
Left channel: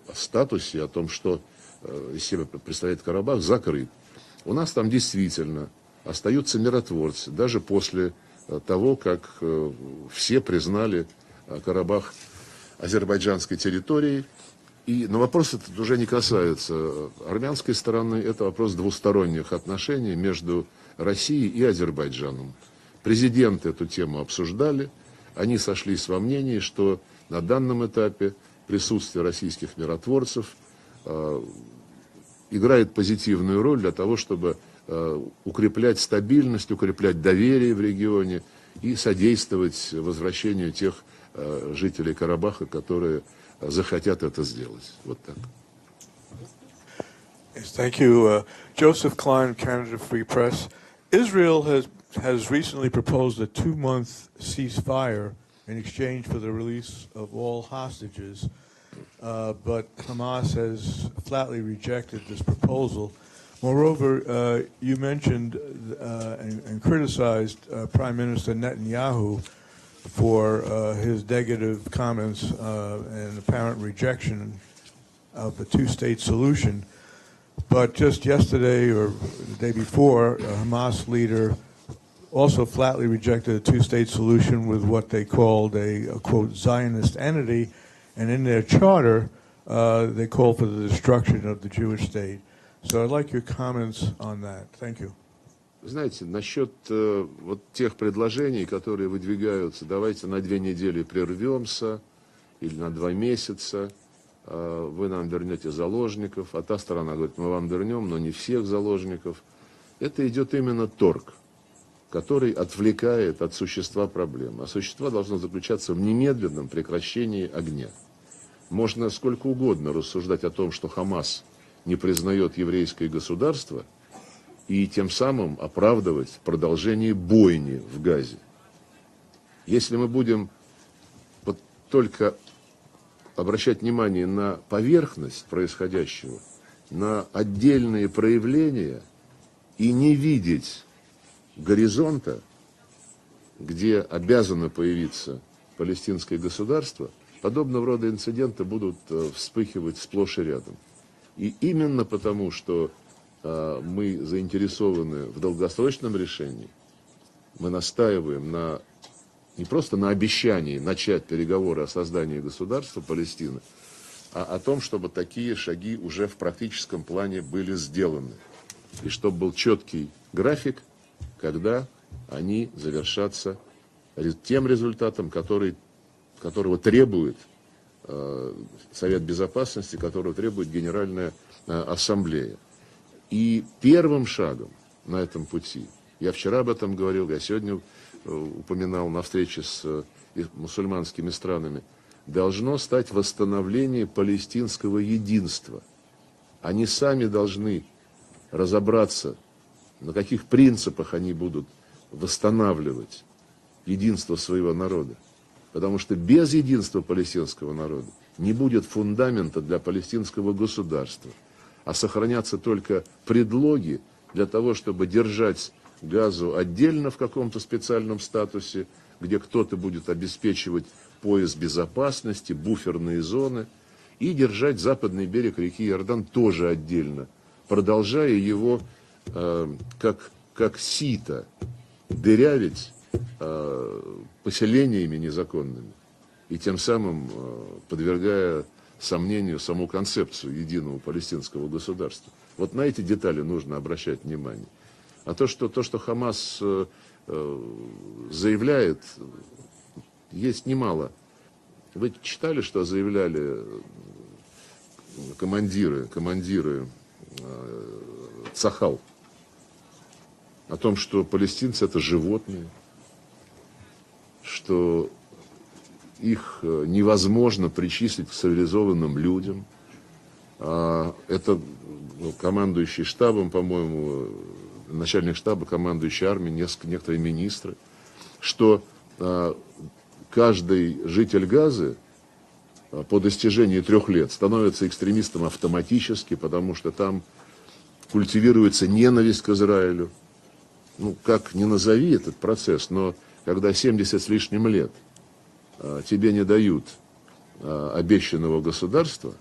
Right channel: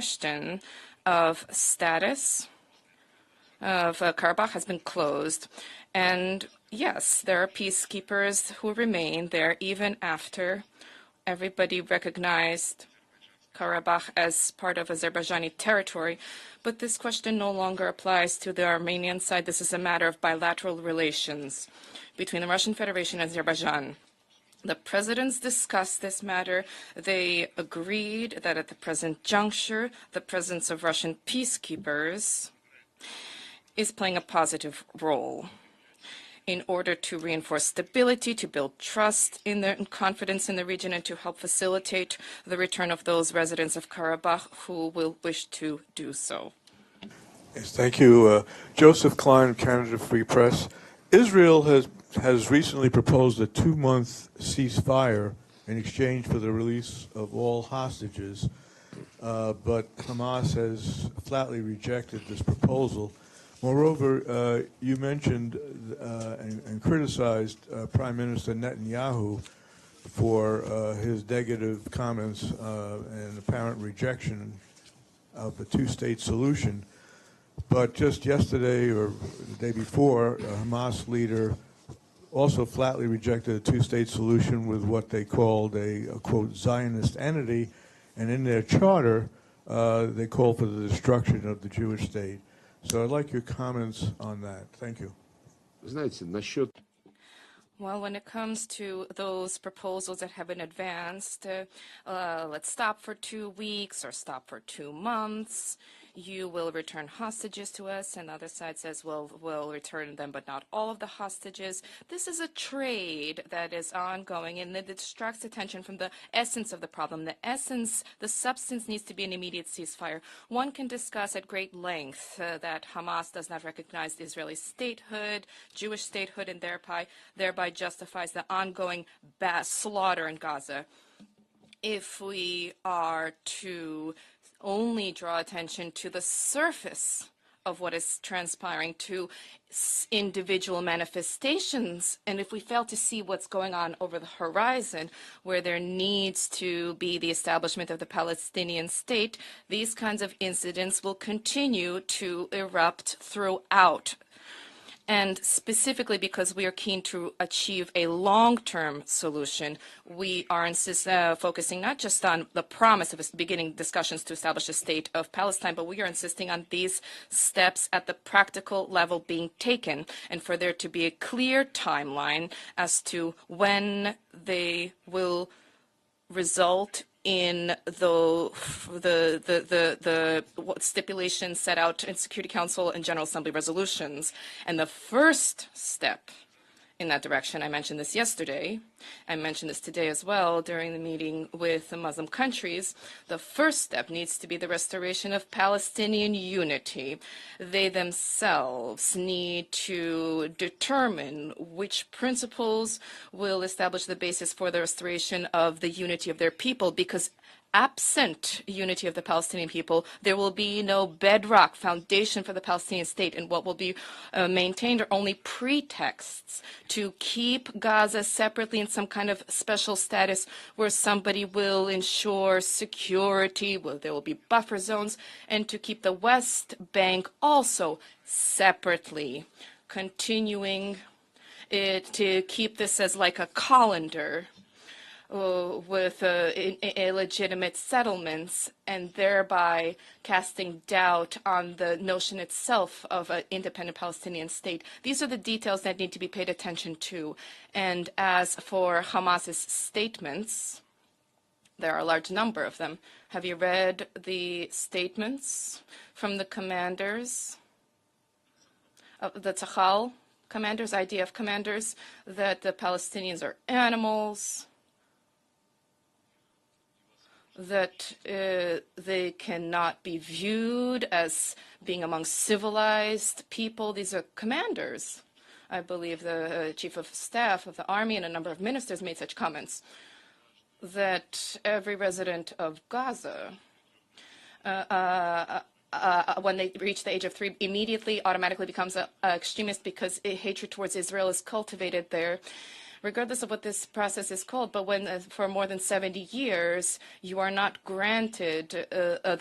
статусе, о том, что из себя представляет Карабах, закрыт. У нас там действительно остаются миротворцы, даже после того, как все признали Карабах азербайджанской территорией. Но вопрос этот уже не касается армянской стороны, это вопрос двусторонних отношений между Россией и Азербайджаном. Президенты эту тему обсуждали, они сошлись во мнении, что на данном этапе присутствие российских миротворцев играет позитивную роль для того, чтобы укреплять стабильность, укреплять доверие в регионе и содействовать возвращению тех жителей Карабаха, которые захотят это сделать. Yes, thank you. Joseph Klein, Canada Free Press. Israel has recently proposed a 2-month ceasefire in exchange for the release of all hostages, but Hamas has flatly rejected this proposal. Moreover, you mentioned and criticized Prime Minister Netanyahu for his negative comments and apparent rejection of the two-state solution. But just yesterday or the day before, a Hamas leader also flatly rejected a two-state solution with what they called a quote, Zionist entity. And in their charter, they call for the destruction of the Jewish state. So I'd like your comments on that. Thank you. Знаете, насчет вот тех предложений, которые выдвигаются, давайте на 2 недели прервемся, или на 2 месяца, вы нам вернете заложников, а та сторона говорит, мы вам вернем, но не всех заложников. Это идет именно торг, который отвлекает от существа проблемы. А существо должно заключаться в немедленном прекращении огня. Можно сколько угодно рассуждать о том, что Хамас не признает еврейское государство, и тем самым оправдывать продолжение бойни в Газе. Если мы будем только обращать внимание на поверхность происходящего, на отдельные проявления, и не видеть горизонта, где обязано появиться палестинское государство, подобного рода инциденты будут вспыхивать сплошь и рядом. И именно потому, что мы заинтересованы в долгосрочном решении, мы настаиваем не просто на обещании начать переговоры о создании государства Палестины, а о том, чтобы такие шаги уже в практическом плане были сделаны, и чтобы был четкий график, когда они завершатся тем результатом, которого требует Совет Безопасности, который требует Генеральная Ассамблея. И первым шагом на этом пути, я вчера об этом говорил, я сегодня упоминал на встрече с мусульманскими странами, должно стать восстановление палестинского единства. Они сами должны разобраться, на каких принципах они будут восстанавливать единство своего народа. Потому что без единства палестинского народа не будет фундамента для палестинского государства, а сохранятся только предлоги для того, чтобы держать Газу отдельно в каком-то специальном статусе, где кто-то будет обеспечивать пояс безопасности, буферные зоны, и держать западный берег реки Иордан тоже отдельно, продолжая его как сито дырявить поселениями незаконными, и тем самым подвергая сомнению саму концепцию единого палестинского государства. Вот на эти детали нужно обращать внимание. А то, что Хамас заявляет, есть немало. Вы читали, что заявляли командиры Цахал? О том, что палестинцы — это животные, что их невозможно причислить к цивилизованным людям. Это командующий штабом, по-моему, начальник штаба, командующий армией, некоторые министры, что каждый житель Газы по достижении 3 лет становится экстремистом автоматически, потому что там культивируется ненависть к Израилю. Ну, как ни назови этот процесс, но когда 70 с лишним лет тебе не дают обещанного государства,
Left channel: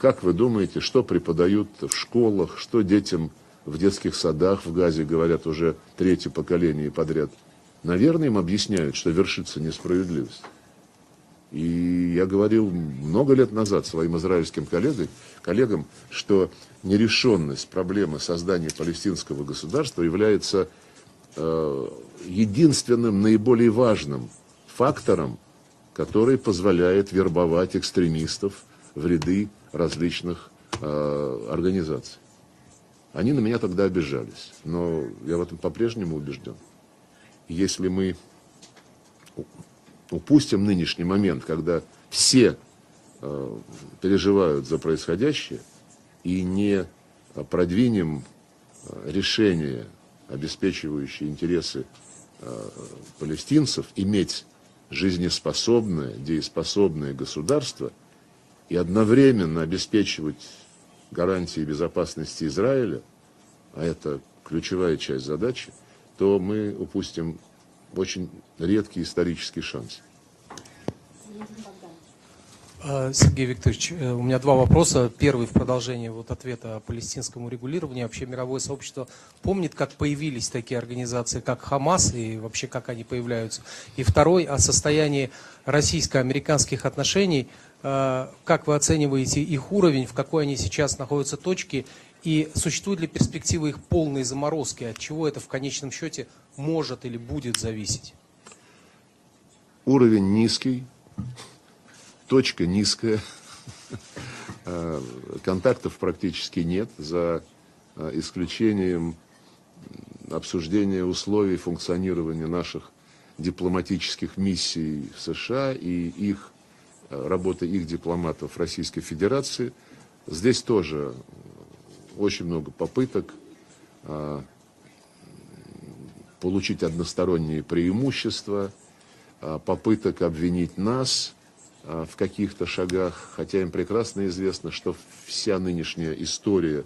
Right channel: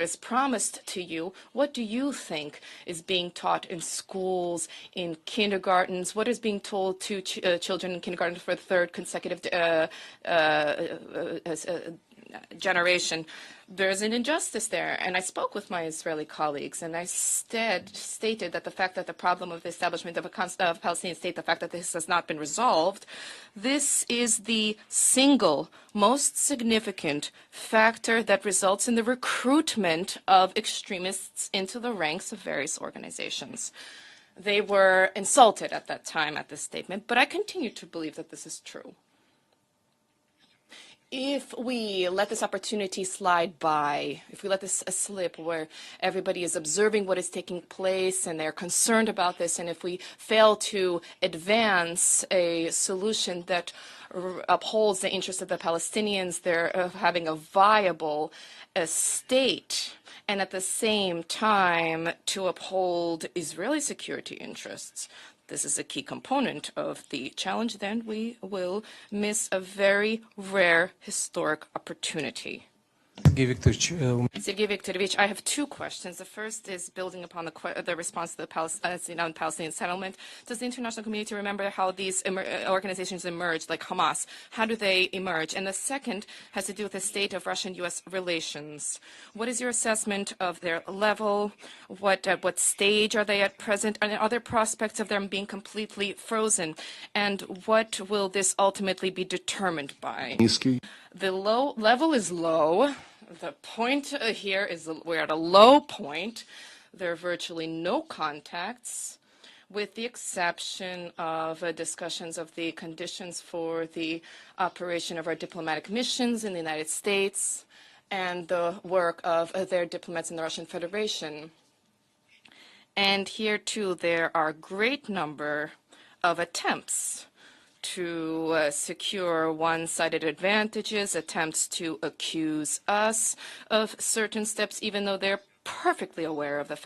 как вы думаете, что преподают в школах, что детям в детских садах в Газе говорят уже 3-е поколение подряд? Наверное, им объясняют, что вершится несправедливость. И я говорил много лет назад своим израильским коллегам, что нерешенность проблемы создания палестинского государства является единственным наиболее важным фактором, который позволяет вербовать экстремистов в ряды различных организаций. Они на меня тогда обижались, но я по-прежнему убежден. Если мы упустим нынешний момент, когда все переживают за происходящее, и не продвинем решение, обеспечивающее интересы палестинцев, иметь жизнеспособное, дееспособное государство, и одновременно обеспечивать гарантии безопасности Израиля, а это ключевая часть задачи, то мы упустим очень редкий исторический шанс. Сергей Викторович, у меня 2 вопроса. Первый в продолжение ответа о палестинском регулировании. Вообще мировое сообщество помнит, как появились такие организации, как Хамас, и вообще как они появляются. И второй о состоянии российско-американских отношений. Как как вы оцениваете их уровень, в какой они сейчас находятся точке, и существуют ли перспективы их полной заморозки, от чего это в конечном счете может или будет зависеть? Уровень низкий, точка низкая, контактов практически нет, за исключением обсуждения условий функционирования наших дипломатических миссий в США и работы их дипломатов в Российской Федерации. Здесь тоже очень много попыток получить односторонние преимущества, попыток обвинить нас в каких-то шагах, хотя им прекрасно известно, что вся нынешняя история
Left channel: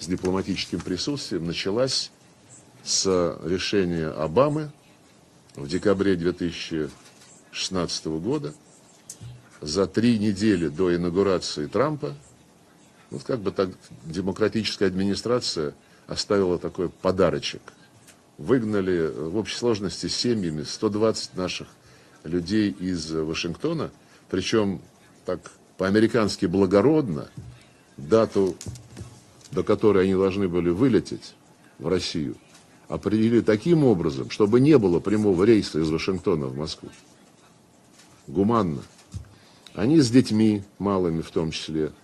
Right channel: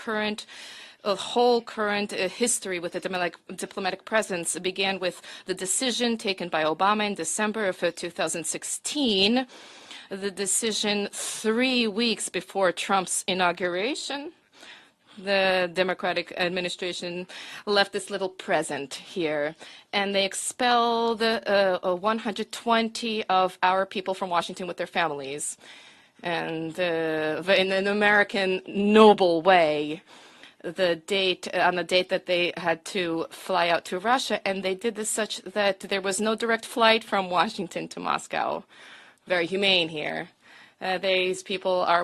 с дипломатическим присутствием началась с решения Обамы в декабре 2016 года, за 3 недели до инаугурации Трампа, демократическая администрация оставила такой подарочек. Выгнали в общей сложности семьями 120 наших людей из Вашингтона, причем так по-американски благородно, дату, на которой они должны были вылететь в Россию, определили таким образом, чтобы не было прямого рейса из Вашингтона в Москву. Гуманно. Они с детьми, малыми в том числе, на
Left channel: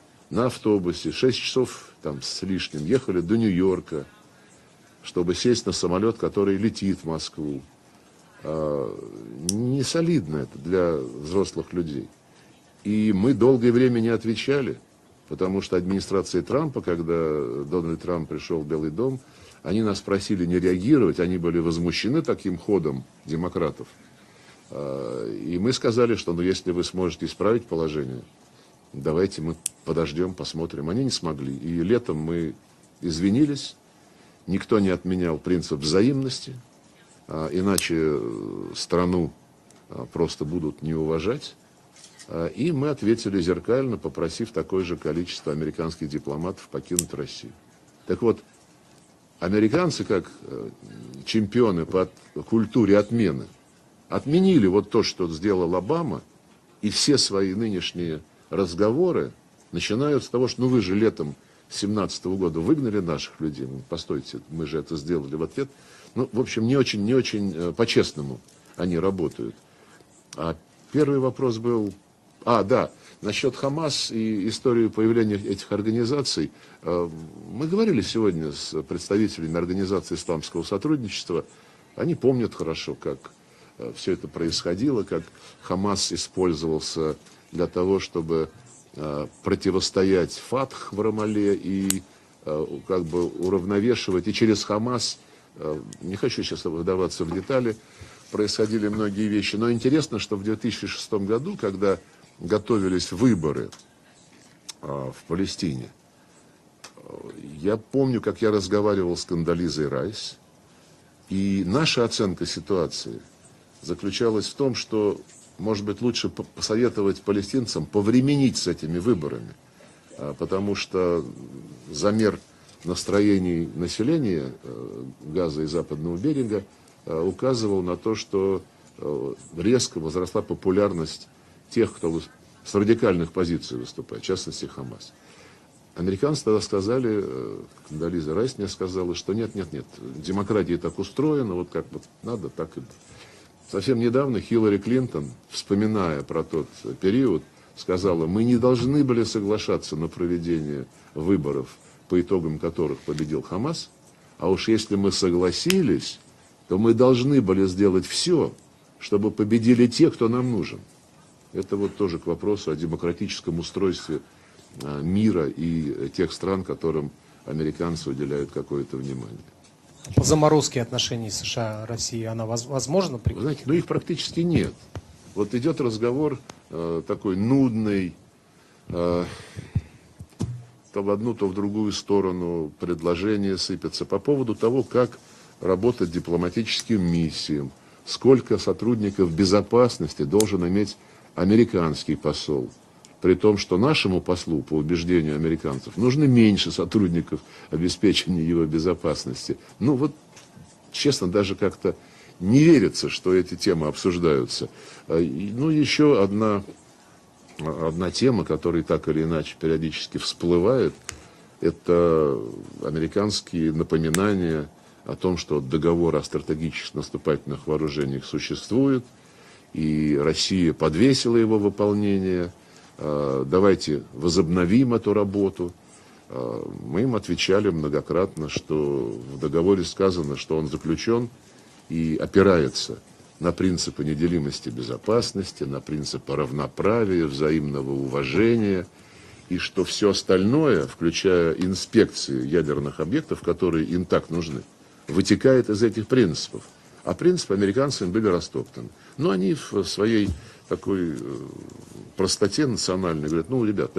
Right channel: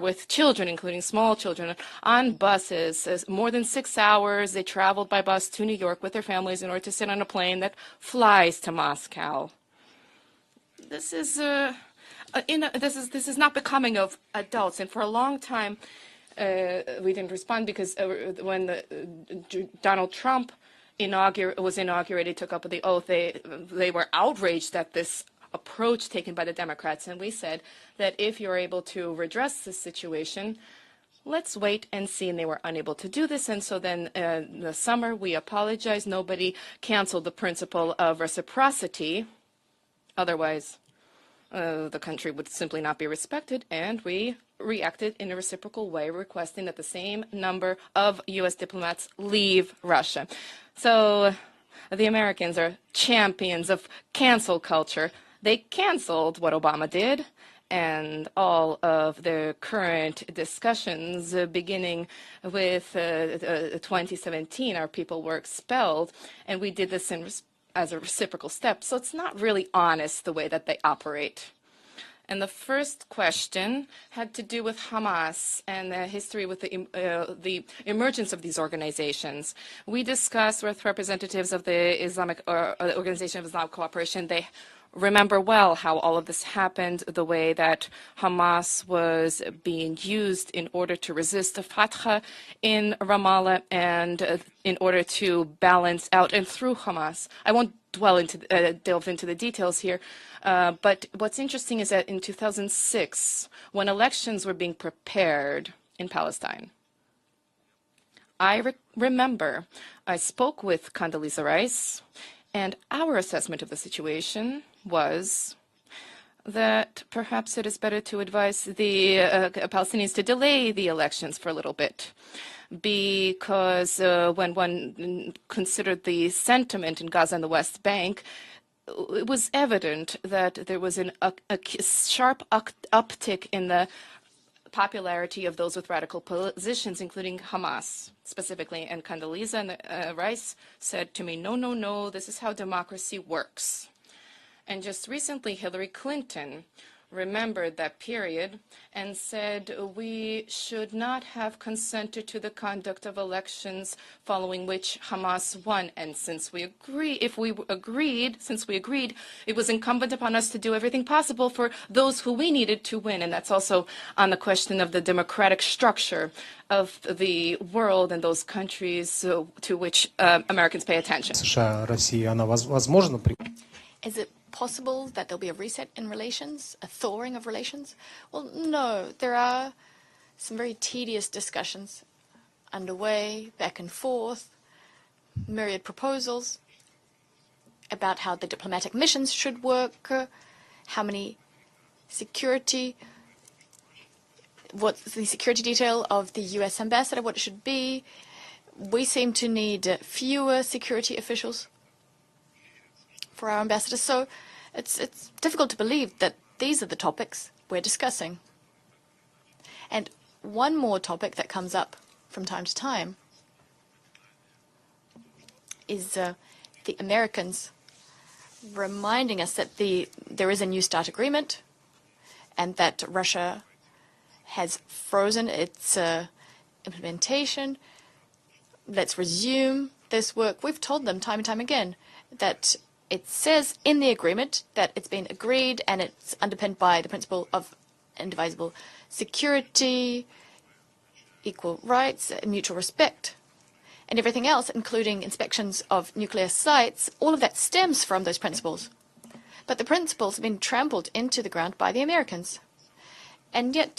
автобусе 6 часов с лишним ехали до Нью-Йорка, чтобы сесть на самолет, который летит в Москву. Не солидно это для взрослых людей. И мы долгое время не отвечали, потому что администрация Трампа, когда Дональд Трамп пришел в Белый дом, они нас просили не реагировать, они были возмущены таким ходом демократов. И мы сказали, что если вы сможете исправить положение, давайте мы подождем, посмотрим. Они не смогли. И летом мы извинились, никто не отменял принцип взаимности, иначе страну просто будут не уважать. И мы ответили зеркально, попросив такое же количество американских дипломатов покинуть Россию. Так вот, американцы, как чемпионы по культуре отмены, отменили вот то, что сделал Обама, и все свои нынешние разговоры начинают с того, что вы же летом 2017 года выгнали наших людей. Постойте, мы же это сделали в ответ. Ну, в общем, не очень по-честному они работают. Первый вопрос был Да, насчет Хамас и истории появления этих организаций. Мы говорили сегодня с представителями Организации исламского сотрудничества. Они помнят хорошо, как все это происходило, как Хамас использовался для того, чтобы противостоять ФАТХ в Рамалле и уравновешивать. И через Хамас, не хочу сейчас вдаваться в детали, происходили многие вещи. Но интересно, что в 2006 году, когда готовились выборы в Палестине, я помню, как я разговаривал с Кондолизой Райс, и наша оценка ситуации заключалась в том, что, может быть, лучше посоветовать палестинцам повременить с этими выборами, потому что замер настроений населения Газа и Западного берега указывал на то, что резко возросла популярность тех, кто с радикальных позиций выступает, в частности, Хамас. Американцы тогда сказали, Кондолиза Райс мне сказала, что нет, демократия так устроена, вот как вот надо так. Совсем недавно Хиллари Клинтон, вспоминая про тот период, сказала, мы не должны были соглашаться на проведение выборов, по итогам которых победил Хамас, а уж если мы согласились, то мы должны были сделать все, чтобы победили те, кто нам нужен. Это вот тоже вопрос о демократическом устройстве мира и тех стран, которым американцы уделяют какое-то внимание. Заморозки отношений США-России, она возможна? Знаете, ну их практически нет. Вот идет разговор такой нудный, то в одну, то в другую сторону предложения сыпятся по поводу того, как работать дипломатическим миссиям, сколько сотрудников безопасности должен иметь американский посол, при том, что нашему послу, по убеждению американцев, нужно меньше сотрудников обеспечения его безопасности. Ну вот, честно, даже как-то не верится, что эти темы обсуждаются. Ну, еще одна тема, которая так или иначе периодически всплывает, это американские напоминания о том, что договор о стратегических наступательных вооружениях существует, и Россия подвесила его выполнение. Давайте возобновим эту работу. Мы им отвечали многократно, что в договоре сказано, что он заключен и опирается на принципы неделимости безопасности, на принципы равноправия, взаимного уважения, и что все остальное, включая инспекции ядерных объектов, которые им так нужны, вытекает из этих принципов. А принципы американцам были растоптаны. Но они в своей такой простоте национальной говорят, ну, ребят,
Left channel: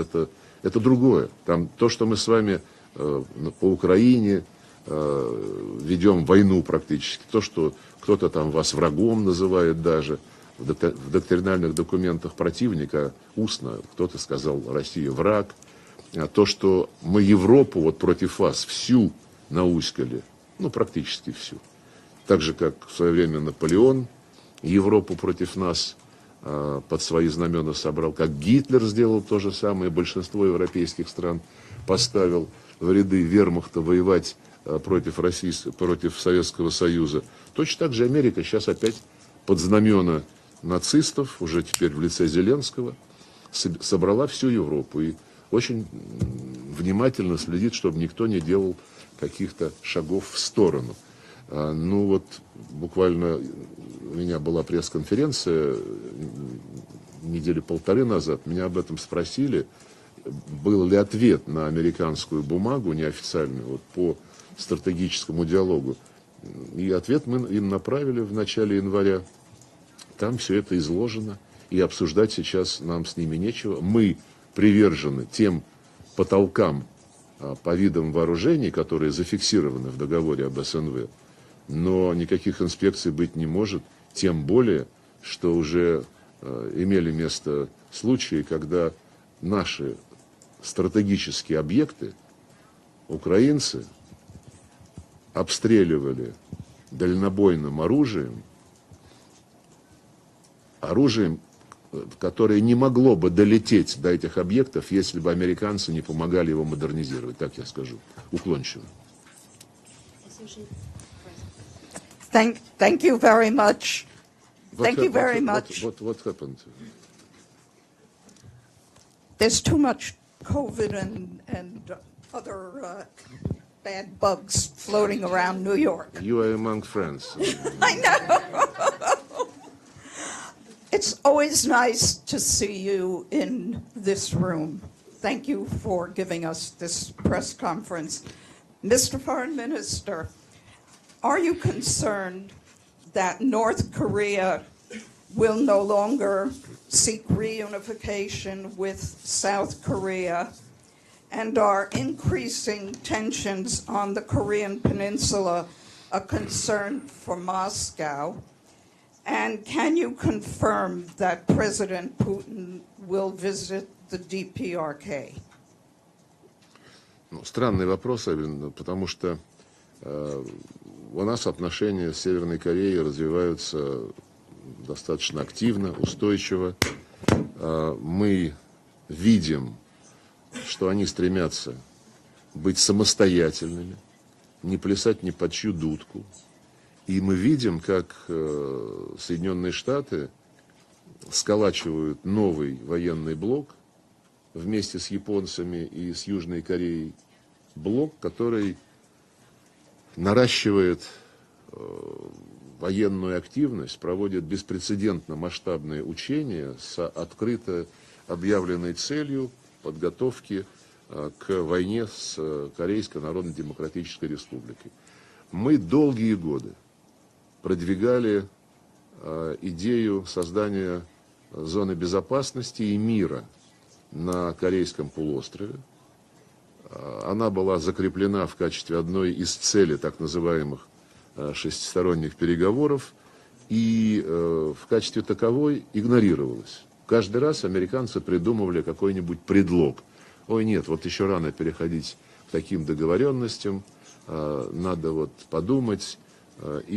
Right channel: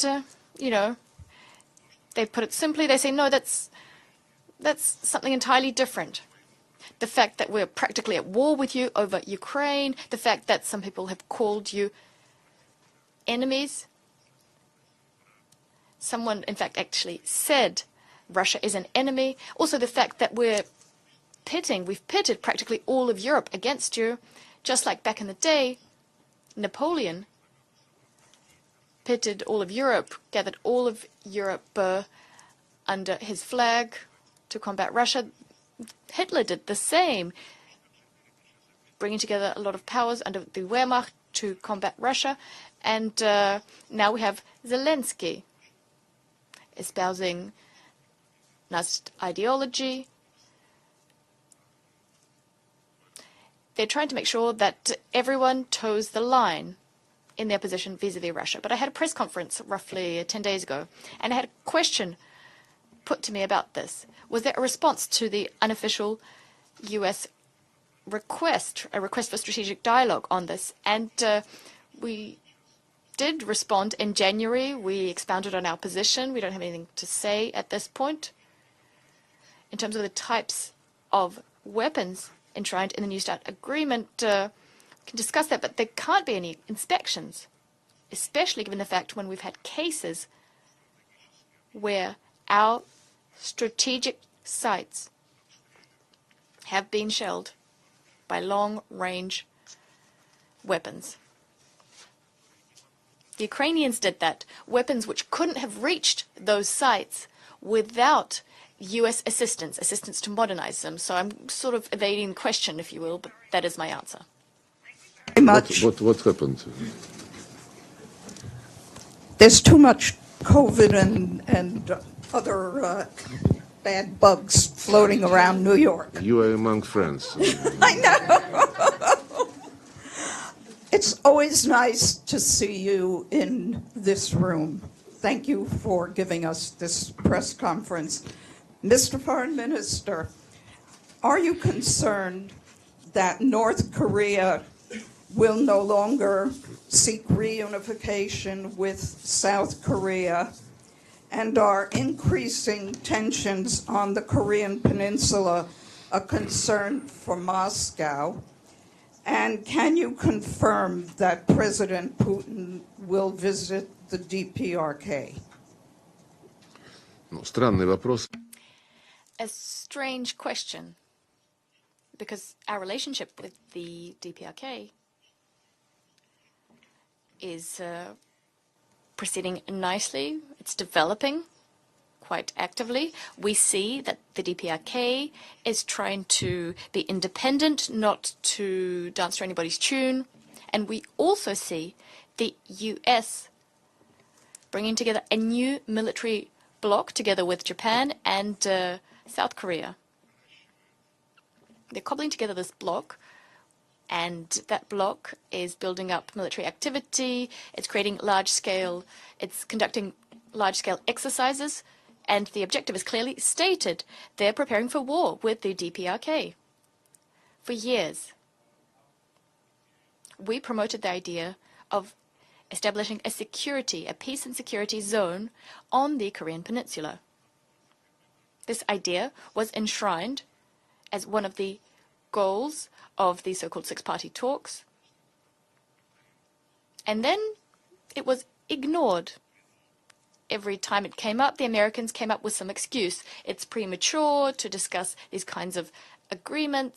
это другое. Там то, что мы с вами по Украине ведем войну практически, то, что кто-то там вас врагом называет даже, в доктринальных документах противника устно, кто-то сказал «Россия враг», а то, что мы Европу вот против вас всю наускали, ну, практически всю. Так же, как в свое время Наполеон Европу против нас под свои знамена собрал, как Гитлер сделал то же самое, большинство европейских стран поставил в ряды вермахта воевать против России, против Советского Союза. Точно так же Америка сейчас опять под знамена нацистов, уже теперь в лице Зеленского, собрала всю Европу и очень внимательно следит, чтобы никто не делал каких-то шагов в сторону. Ну вот буквально у меня была пресс-конференция недели полторы назад, меня об этом спросили, был ли ответ на американскую бумагу неофициальную по стратегическому диалогу. И ответ мы им направили в начале января. Там все это изложено, и обсуждать сейчас нам с ними нечего. Мы привержены тем потолкам по видам вооружений, которые зафиксированы в договоре об СНВ. Но никаких инспекций быть не может, тем более, что уже имели место случаи, когда наши стратегические объекты украинцы обстреливали дальнобойным оружием, которое не могло бы долететь до этих объектов, если бы американцы не помогали его модернизировать, так я скажу, уклончиво. Thank you very much. Thank you very much. What happened? There's too much COVID and other bad bugs floating around New York. You are among friends. I know. It's always nice to see you in this room. Thank you for giving us this press conference. Mr. Foreign Minister, are you concerned that North Korea will no longer seek reunification with South Korea, and are increasing tensions on the Korean Peninsula a concern for Moscow? And can you confirm that President Putin will visit the DPRK? Ну, странный вопрос, потому что у нас отношения с Северной Кореей развиваются достаточно активно, устойчиво. Мы видим, что они стремятся быть самостоятельными, не плясать ни под чью дудку. И мы видим, как Соединенные Штаты сколачивают новый военный блок вместе с японцами и с Южной Кореей, блок, который наращивает военную активность, проводит беспрецедентно масштабные учения с открыто объявленной целью подготовки к войне с Корейской Народно-Демократической Республикой. Мы долгие годы продвигали идею создания зоны безопасности и мира на Корейском полуострове. Она была закреплена в качестве одной из целей так называемых шестисторонних переговоров и в качестве таковой игнорировалась. Каждый раз американцы придумывали какой-нибудь предлог, every time it came up, the Americans came up with some excuse. It's premature to discuss these kinds of agreements,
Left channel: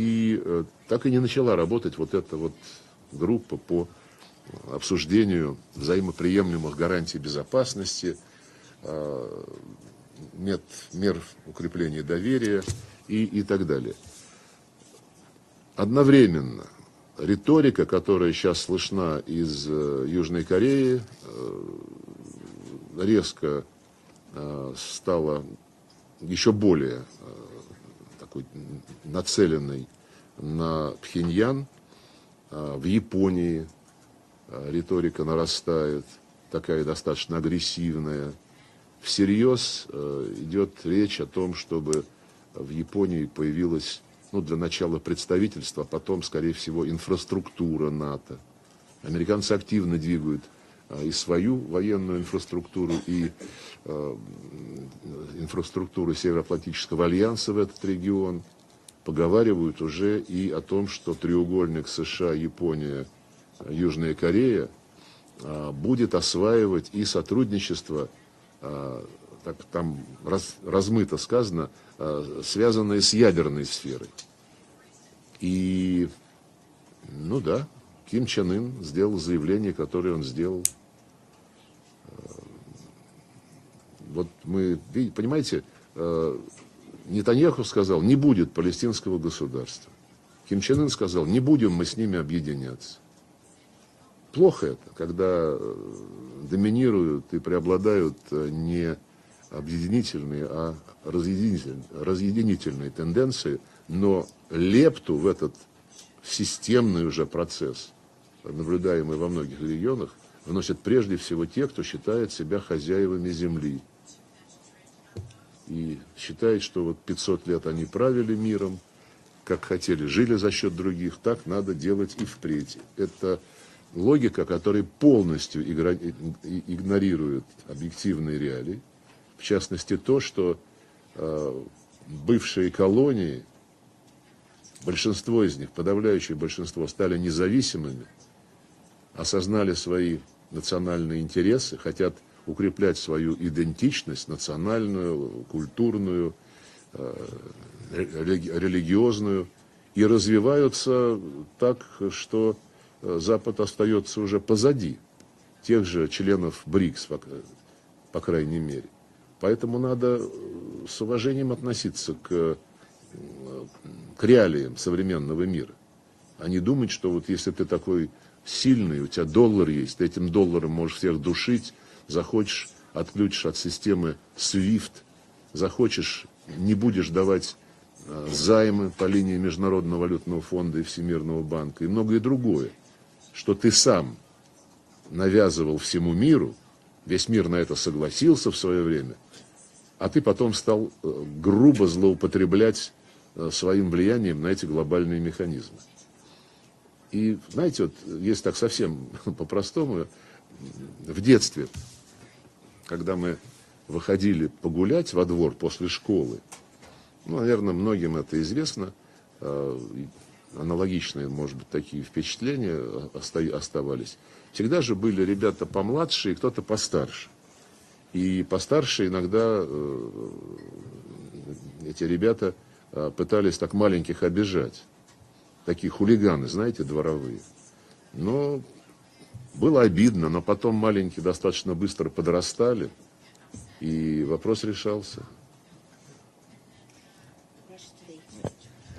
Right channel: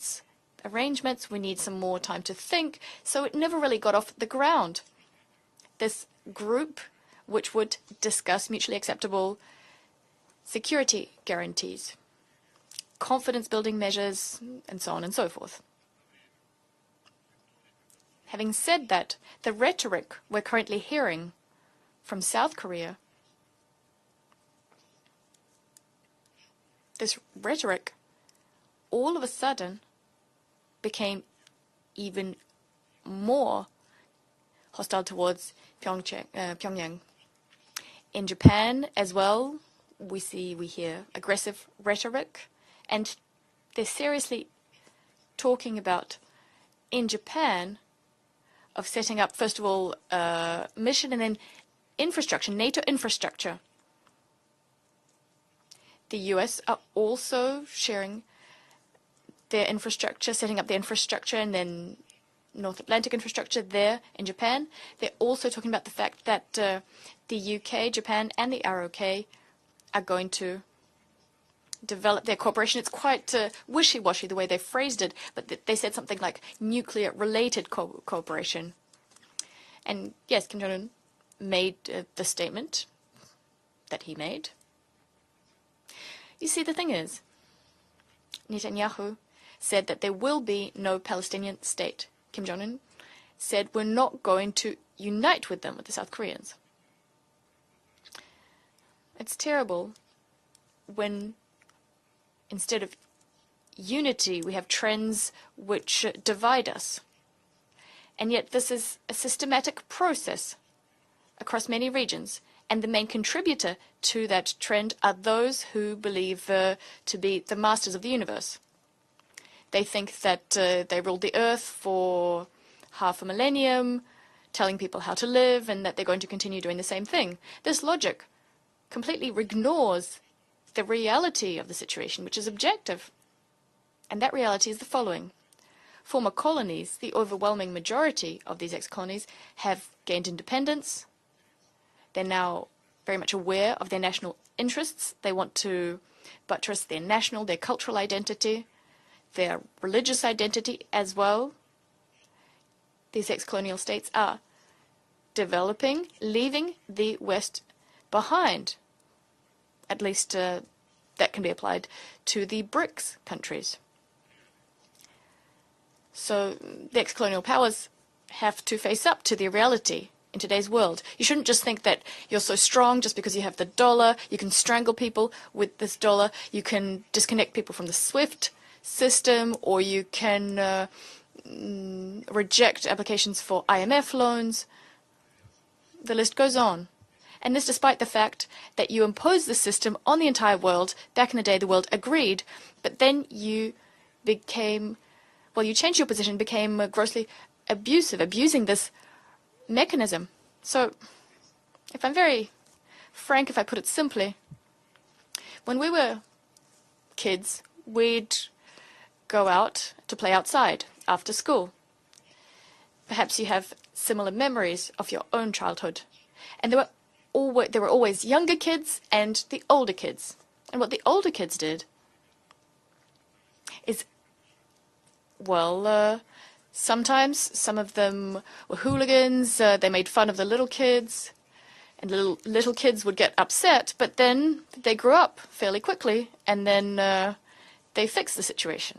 arrangements, we need some more time to think. So it never really got off the ground. This group, which would discuss mutually acceptable security guarantees, confidence-building measures, and so on and so forth. Одновременно риторика, которая Having сейчас said слышна that, из the rhetoric we're Южной currently Кореи, hearing from South Korea, резко стала еще более this rhetoric такой all of a sudden нацеленной на became Пхеньян. even В Японии more риторика towards нарастает, такая Pyongyang. достаточно агрессивная. In Japan as well, Всерьез we идет hear речь о том, aggressive чтобы rhetoric, в Японии they're появилось seriously для начала представительство, talking about потом, скорее всего, in инфраструктура НАТО. of setting up, Американцы first of all, активно двигают mission и and свою then военную infrastructure, NATO infrastructure. инфраструктуру The US Североатлантического are альянса в also этот sharing регион. Поговаривают their уже infrastructure, и setting о up their том, что infrastructure and then треугольник США, North Япония, Atlantic infrastructure there Южная in Корея Japan. They're also talking about the будет fact that осваивать и the UK, сотрудничество, Japan, and the ROK так там are going to размыто сказано, develop their cooperation. связанные It's с quite ядерной сферой. wishy-washy the way they phrased it, but they said something like nuclear-related Ким Чен cooperation. Ын сделал заявление, которое он And yes, сделал. Kim Jong-un made the statement that he Вот made. мы, понимаете, You see, the thing is, Нетаньяху сказал, не будет Netanyahu палестинского государства. said that there will Ким be Чен Ын no сказал, не Palestinian будем мы state. с ними Kim Jong-un объединяться. said we're not going Плохо to это, когда unite with them, with the South Koreans. доминируют и преобладают не It's terrible объединительные, а when разъединительные тенденции, но unity, we have лепту в trends этот which divide us. системный уже процесс, And yet this is наблюдаемый a во многих systematic регионах, process вносят прежде всего те, across кто many считает regions. себя And the main хозяевами contributor земли. to that trend are those who believe Считают, что вот to be 500 the лет они masters of the правили universe. миром, как They хотели, think жили за that счет they других, ruled the так earth надо делать и for впредь. half a Это millennium, логика, telling которая people how to полностью live and that they're going to continue doing the same thing. игнорирует This logic объективные реалии. completely В частности, ignores то, что the reality of the situation, which is бывшие objective. колонии, And that reality is the following. большинство из них, Former подавляющее большинство, colonies, the стали overwhelming независимыми, majority of these ex-colonies осознали have свои gained independence. национальные интересы, хотят They're now укреплять very свою much aware of their идентичность, national interests. They национальную, want to культурную, buttress their national, their cultural identity, религиозную, their и religious identity as развиваются well. так, что These Запад ex-colonial остается states уже позади тех developing, же членов leaving БРИКС, the West по крайней behind. мере. Поэтому At надо least с that can be уважением applied относиться to the BRICS countries. к реалиям современного мира. So А не думать, the что вот ex-colonial если ты powers такой have to сильный, face у up тебя to the доллар reality есть, ты этим in today's долларом можешь world. всех You shouldn't just душить, think that you're so захочешь strong just because you отключишь have от the системы dollar, you can strangle SWIFT, people with this захочешь, dollar, you не can будешь disconnect давать people from the SWIFT займы по линии system, or Международного you валютного фонда и can Всемирного банка и многое другое, reject applications что for ты сам IMF loans. навязывал всему The list миру, goes on. весь мир And на this это despite the fact согласился в свое that you время, imposed the system а on ты the потом entire стал world. Back in the day, the грубо world agreed, злоупотреблять but then you своим влиянием на эти became, глобальные механизмы. well, you changed your position, became grossly И, знаете, abusive, вот, если abusing так this совсем по-простому, mechanism. So, в детстве, if I'm very когда мы frank, if I put it simply, выходили погулять во двор после we were школы, kids, наверное, многим we'd это известно, go out to play outside аналогичные, after может school. быть, такие впечатления Perhaps you have оставались. similar Всегда memories же of были your own ребята childhood. помладше и кто-то And постарше. there were always И younger kids постарше and иногда the older kids. And what the older kids did, эти ребята пытались так маленьких обижать. well, Такие хулиганы, знаете, дворовые. sometimes some of them Но were hooligans, было they made обидно, fun of но the little потом маленькие kids. достаточно быстро The little подрастали. kids would get upset, И but then вопрос they grew решался. up fairly quickly, and then they fixed the situation.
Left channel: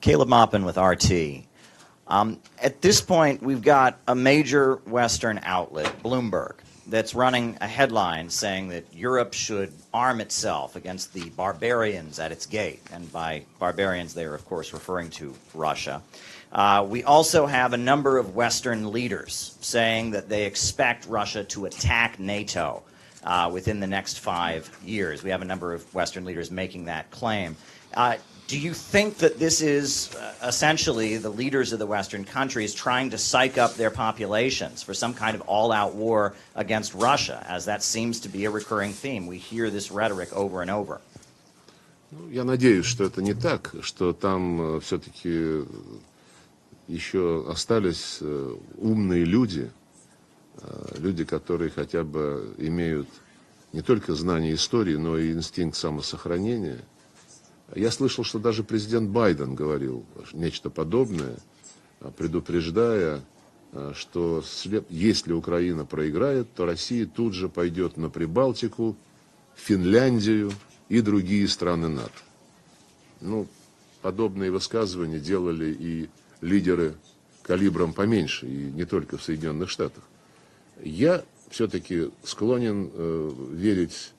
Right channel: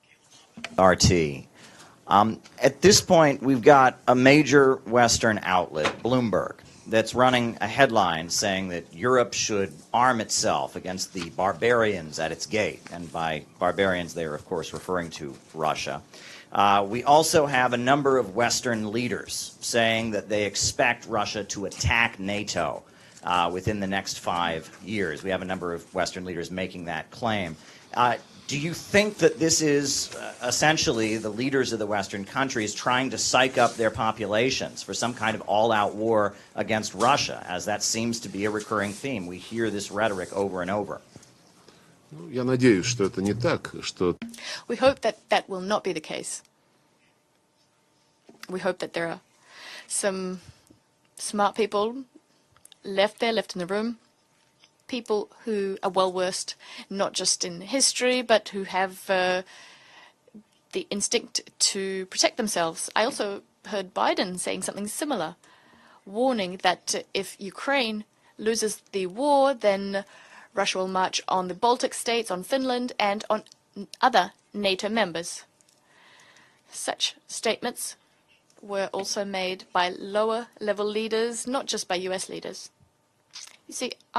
Caleb Maupin with RT. At this point, we've got a major Western outlet, Bloomberg, that's running a headline saying that Europe should arm itself against the barbarians at its gate. And by barbarians, they are, of course, referring to Russia. We also have a number of Western leaders saying that they expect Russia to attack NATO within the next 5 years. We have a number of Western leaders making that claim. Do you think that this is essentially the leaders of the Western countries trying to psych up their populations for some kind of all-out war against Russia, as that seems to be a recurring theme? We hear this rhetoric over and over. Я надеюсь, что это не так, что там We hope that все-таки that will not be the case. еще остались умные люди, люди, которые хотя бы имеют не только знания истории, но и инстинкт самосохранения. Я слышал, что даже президент Байден говорил нечто подобное, предупреждая, что если Украина проиграет, то Россия тут же пойдет на Прибалтику, Финляндию и другие страны НАТО. Подобные высказывания делали и лидеры с калибром поменьше, и не только в Соединенных Штатах. Я все-таки склонен верить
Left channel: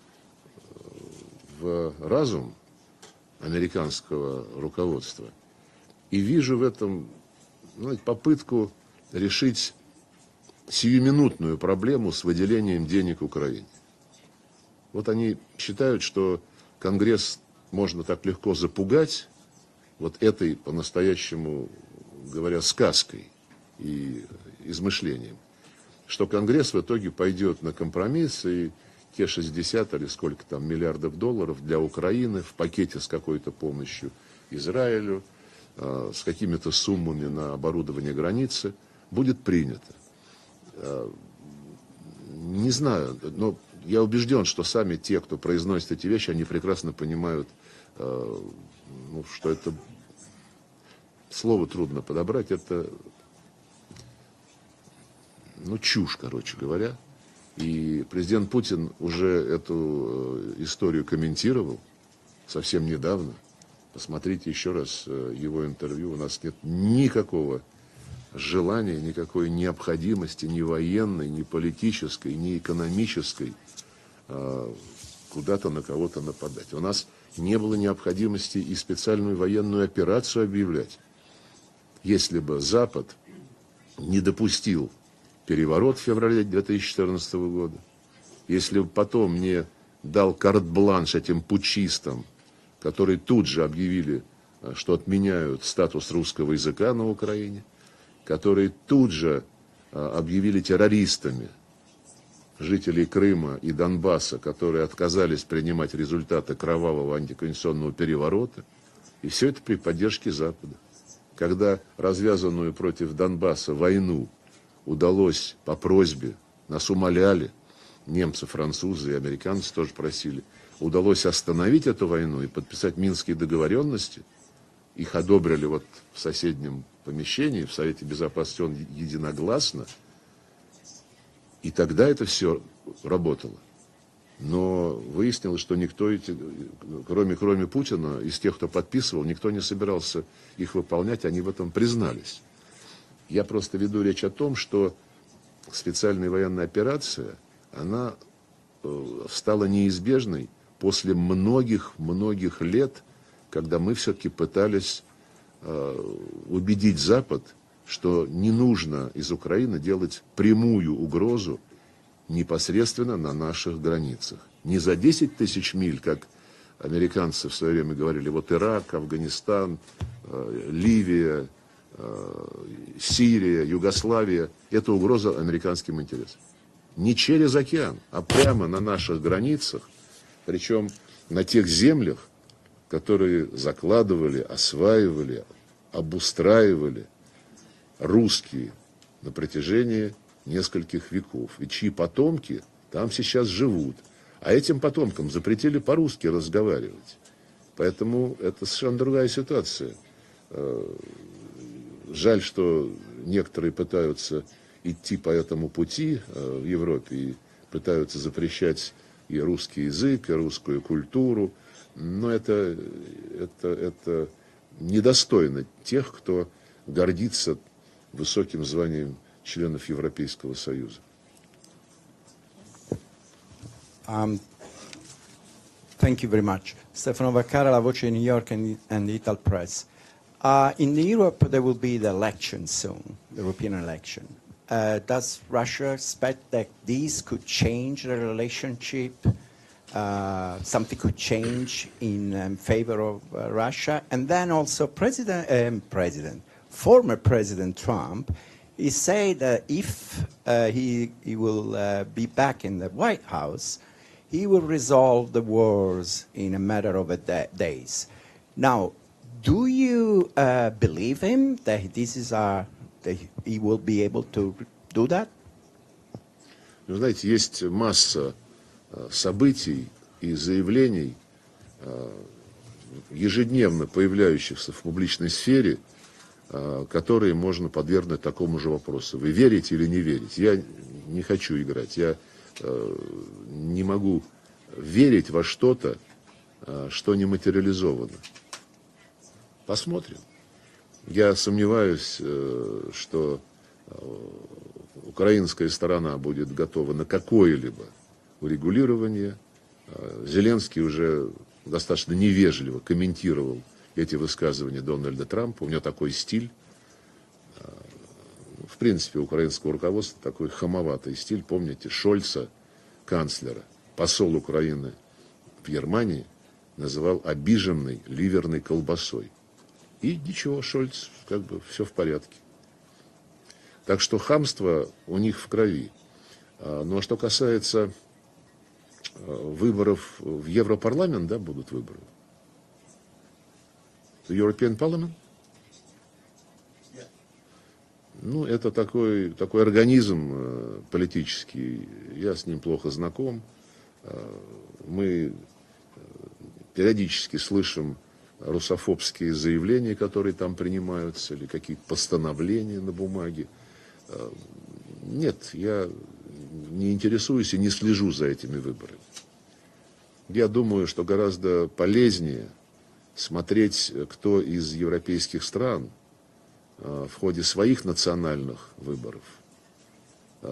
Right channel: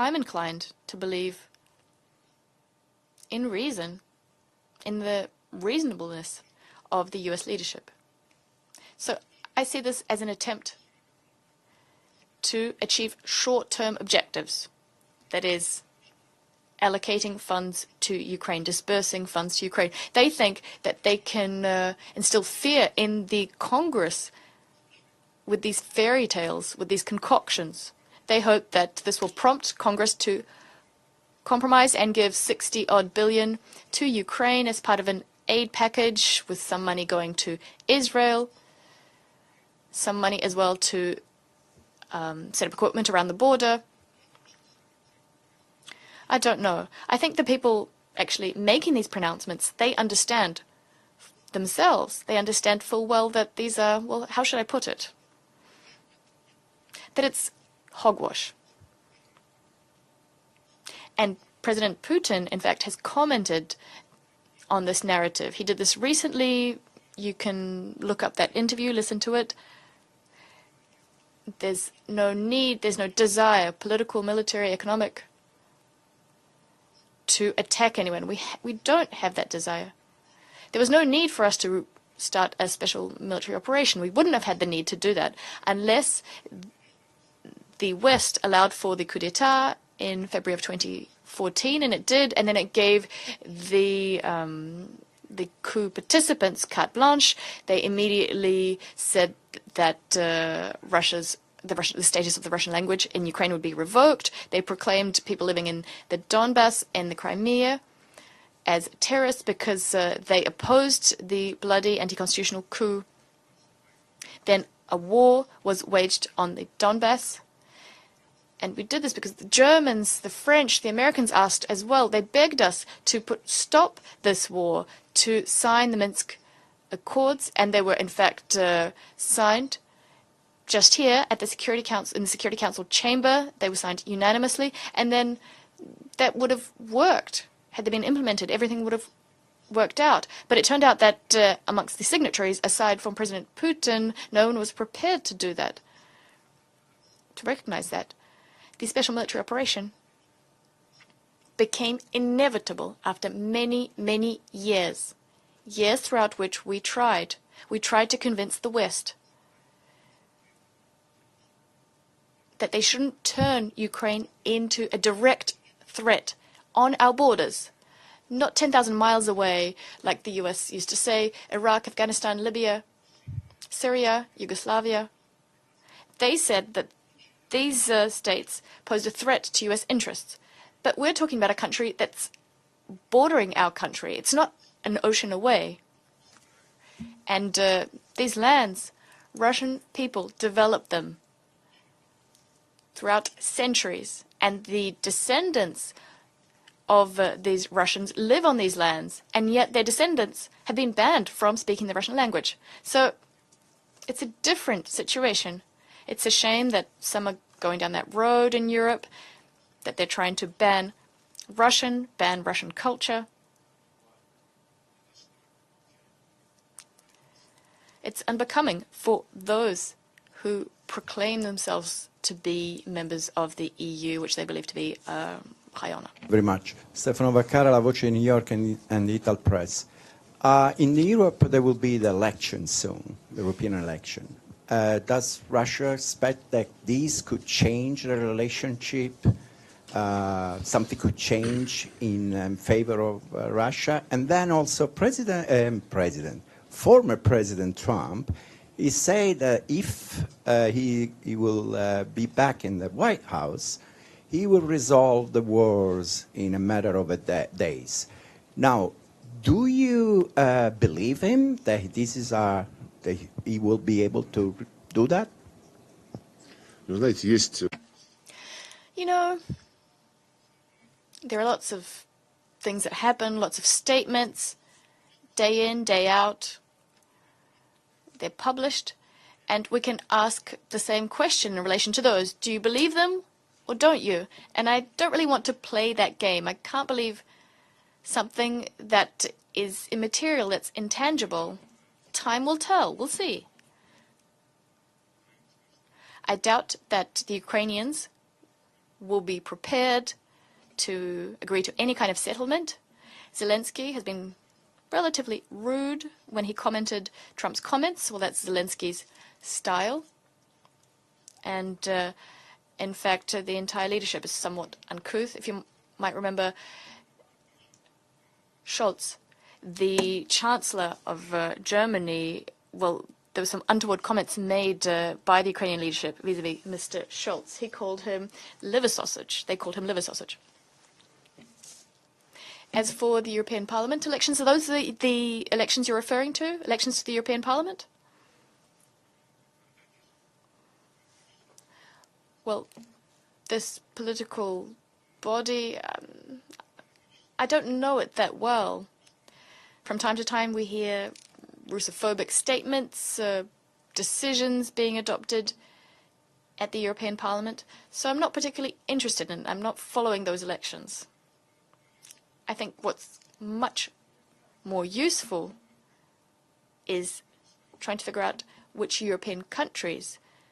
в разум американского руководства и вижу в этом попытку решить сиюминутную проблему с выделением денег Украине. Вот они считают, что Конгресс можно так легко запугать вот этой по-настоящему, говоря, сказкой и измышлением, что Конгресс в итоге пойдет на компромисс, и те 60 или сколько там миллиардов долларов для Украины в пакете с какой-то помощью Израилю, с какими-то суммами на оборудование границы будет принято. Не знаю, я убежден, что сами те, кто произносит эти вещи, они прекрасно понимают, что это слово трудно подобрать, это чушь, короче говоря. И президент Путин уже эту историю комментировал совсем недавно. Посмотрите еще раз его интервью. Никакого желания, никакой необходимости ни военной, ни политической, ни экономической куда-то на кого-то нападать. У нас не было необходимости и специальную военную операцию объявлять. Если бы Запад не допустил переворот в феврале 2014 года, если бы потом не дал карт-бланш этим путчистам, которые тут же объявили, что отменяют статус русского языка на Украине, которые тут же объявили террористами жителей Крыма и Донбасса, которые отказались принимать результаты кровавого антиконституционного переворота, и все это при поддержке Запада. Когда развязанную против Донбасса войну удалось по просьбе, нас умоляли, немцы, французы и американцы просили, удалось остановить эту войну, подписать Минские договоренности, их одобрили в соседнем помещении, в Совете Безопасности единогласно. Just here at the Security Council chamber, they were signed unanimously, and then that would have worked, had been implemented, everything would have worked out. But it turned out that amongst the signatories, aside from President Putin, no one was prepared to do that, to recognize that. The special military operation became inevitable after many, many years. Years throughout which we tried to convince the West that they shouldn't turn Ukraine into a direct threat on our borders, not 10,000 miles away, like the US used to say, Iraq, Afghanistan, Libya, Syria, Yugoslavia. They said that these states pose a threat to US interests. But we're talking about a country that's bordering our country. It's not an ocean away. And these lands, Russian people developed them throughout centuries. And the descendants of these Russians live on these lands, and yet their descendants have been banned from speaking the Russian language. So it's a different situation. It's a shame that some are going down that road in Europe, that they're trying to ban Russian, ban Russian culture. It's unbecoming for those who proclaim themselves to be members of the EU, which they believe to be high honor. Thank you very much. Stefano Vaccara, La Voce New York and Ital Press. In Europe, there will be the election soon, the European election. Does Russia expect that these could change the relationship? Something could change in favor of Russia? And then also former President Trump, he said that if he will be back in the White House, he will resolve the wars in a matter of days. Now, Do you believe him that this is that he will be able to do that? Вы знаете, есть масса событий и заявлений, ежедневно появляющихся в публичной сфере, которые можно подвергнуть такому же вопросу. Вы верите или не верите? Я не хочу играть. Я не могу верить во что-то, что не материализовано. Посмотрим. Я сомневаюсь, что украинская сторона будет готова на какое-либо урегулирование. Зеленский уже достаточно невежливо комментировал эти высказывания Дональда Трампа. У него такой стиль. В принципе, украинское руководство такой хамоватый стиль. Помните Шольца, канцлера, посол Украины в Германии, называл обиженной ливерной колбасой. И ничего, Шольц, все в порядке. Так что хамство у них в крови. Но что касается выборов в Европарламент, да, будут выборы. As for the European Parliament elections, are those the elections you're referring to? Elections to the European Parliament? Ну, это такой политический, я с ним плохо знаком. Мы периодически слышим русофобские заявления, которые там принимаются, или какие-то постановления на бумаге. Нет, я не интересуюсь и не слежу за этими выборами. Я думаю, что гораздо полезнее смотреть, кто из европейских стран в ходе своих национальных выборов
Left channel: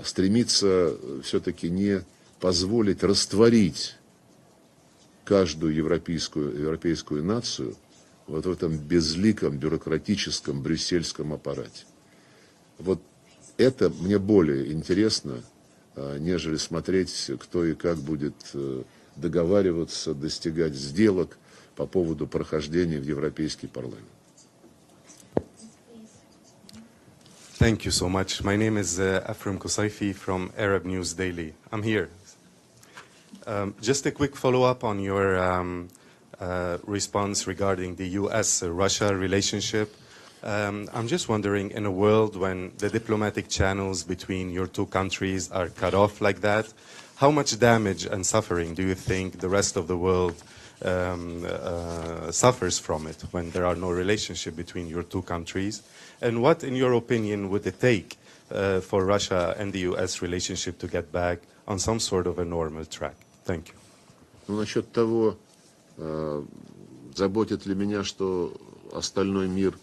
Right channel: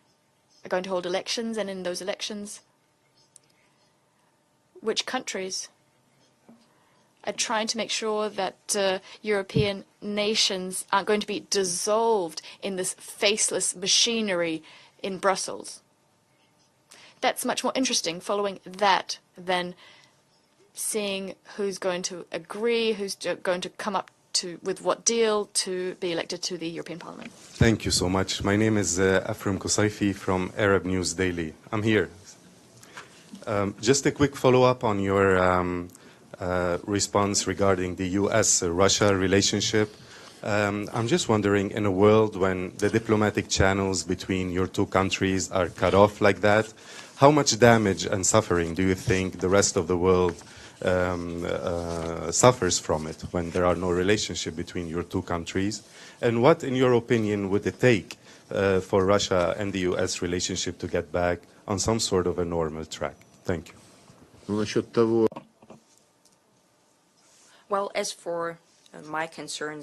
стремится все-таки не позволить растворить каждую европейскую нацию вот в этом безликом бюрократическом брюссельском аппарате. Вот это мне более интересно, нежели смотреть, кто и как будет договариваться, достигать сделок по поводу прохождения в Европейский парламент. With what deal to be elected to the European Parliament. Thank you so much. My name is Afram Kusaifi from Arab News Daily. I'm here. Just a quick follow-up on your response regarding the U.S.-Russia relationship. I'm just wondering, in a world when the diplomatic channels between your two countries are cut off like that, how much damage and suffering do you think the rest of the world suffers from it when there are no relationship between your two countries? And what, in your opinion, would it take for Russia and the U.S. relationship to get back on some sort of a normal track? Thank you. Ну, насчет того, заботит ли меня, что остальной мир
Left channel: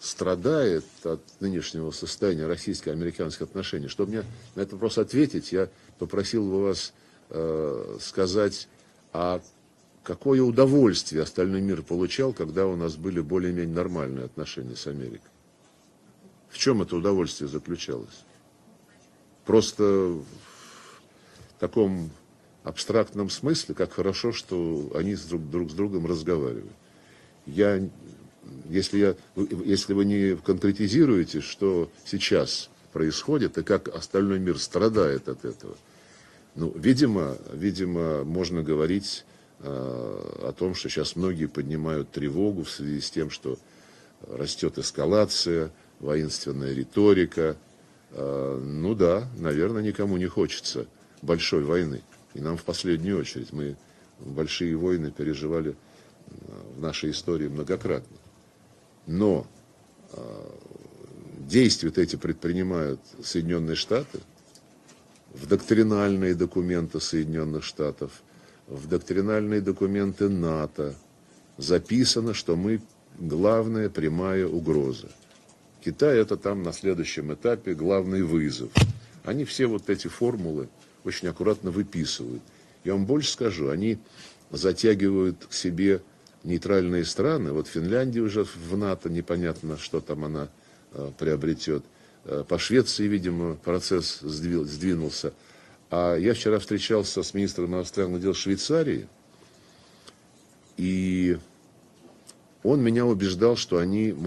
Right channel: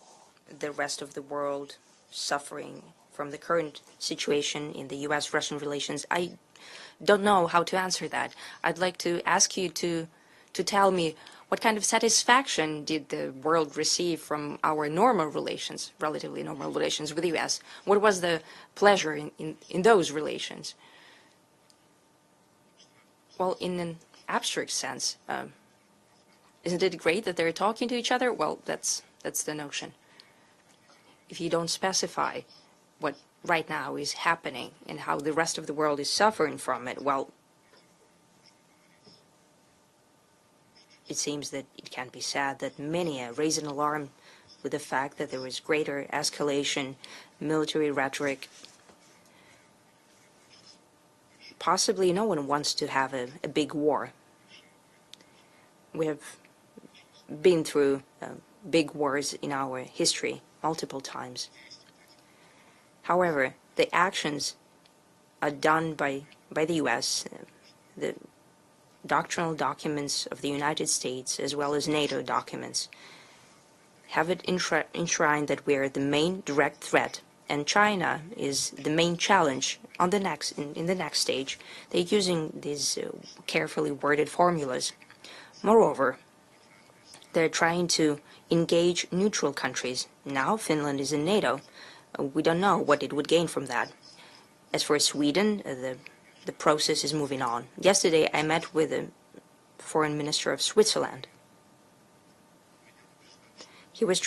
страдает от нынешнего состояния российско-американских отношений. Чтобы мне на этот вопрос ответить, я попросил бы вас сказать, какое удовольствие остальной мир получал, когда у нас были более-менее нормальные отношения. В чем это удовольствие заключалось? Просто в таком абстрактном смысле, как хорошо, что они друг с другом разговаривают. Если вы не конкретизируете, что сейчас происходит, и как остальной мир страдает от этого, видимо, можно говорить о том, что сейчас многие поднимают тревогу в связи с тем, что растет эскалация, воинственная риторика. Ну да, наверное, никому не хочется большой войны. Нам в последнюю очередь мы большие войны переживали в нашей истории многократно. Но действия эти предпринимают Соединенные Штаты, в доктринальные документы Соединенных Штатов, в доктринальные документы НАТО записано, что мы главная прямая угроза. Китай — это там на следующем этапе главный вызов. Они все вот эти формулы очень аккуратно выписывают. Я вам больше скажу, они затягивают к себе нейтральные страны. Вот Финляндия уже в НАТО, непонятно, что там она приобретет. По Швеции, видимо, процесс сдвинулся. А я вчера встречался с министром иностранных дел Швейцарии, и он меня убеждал, что они могут,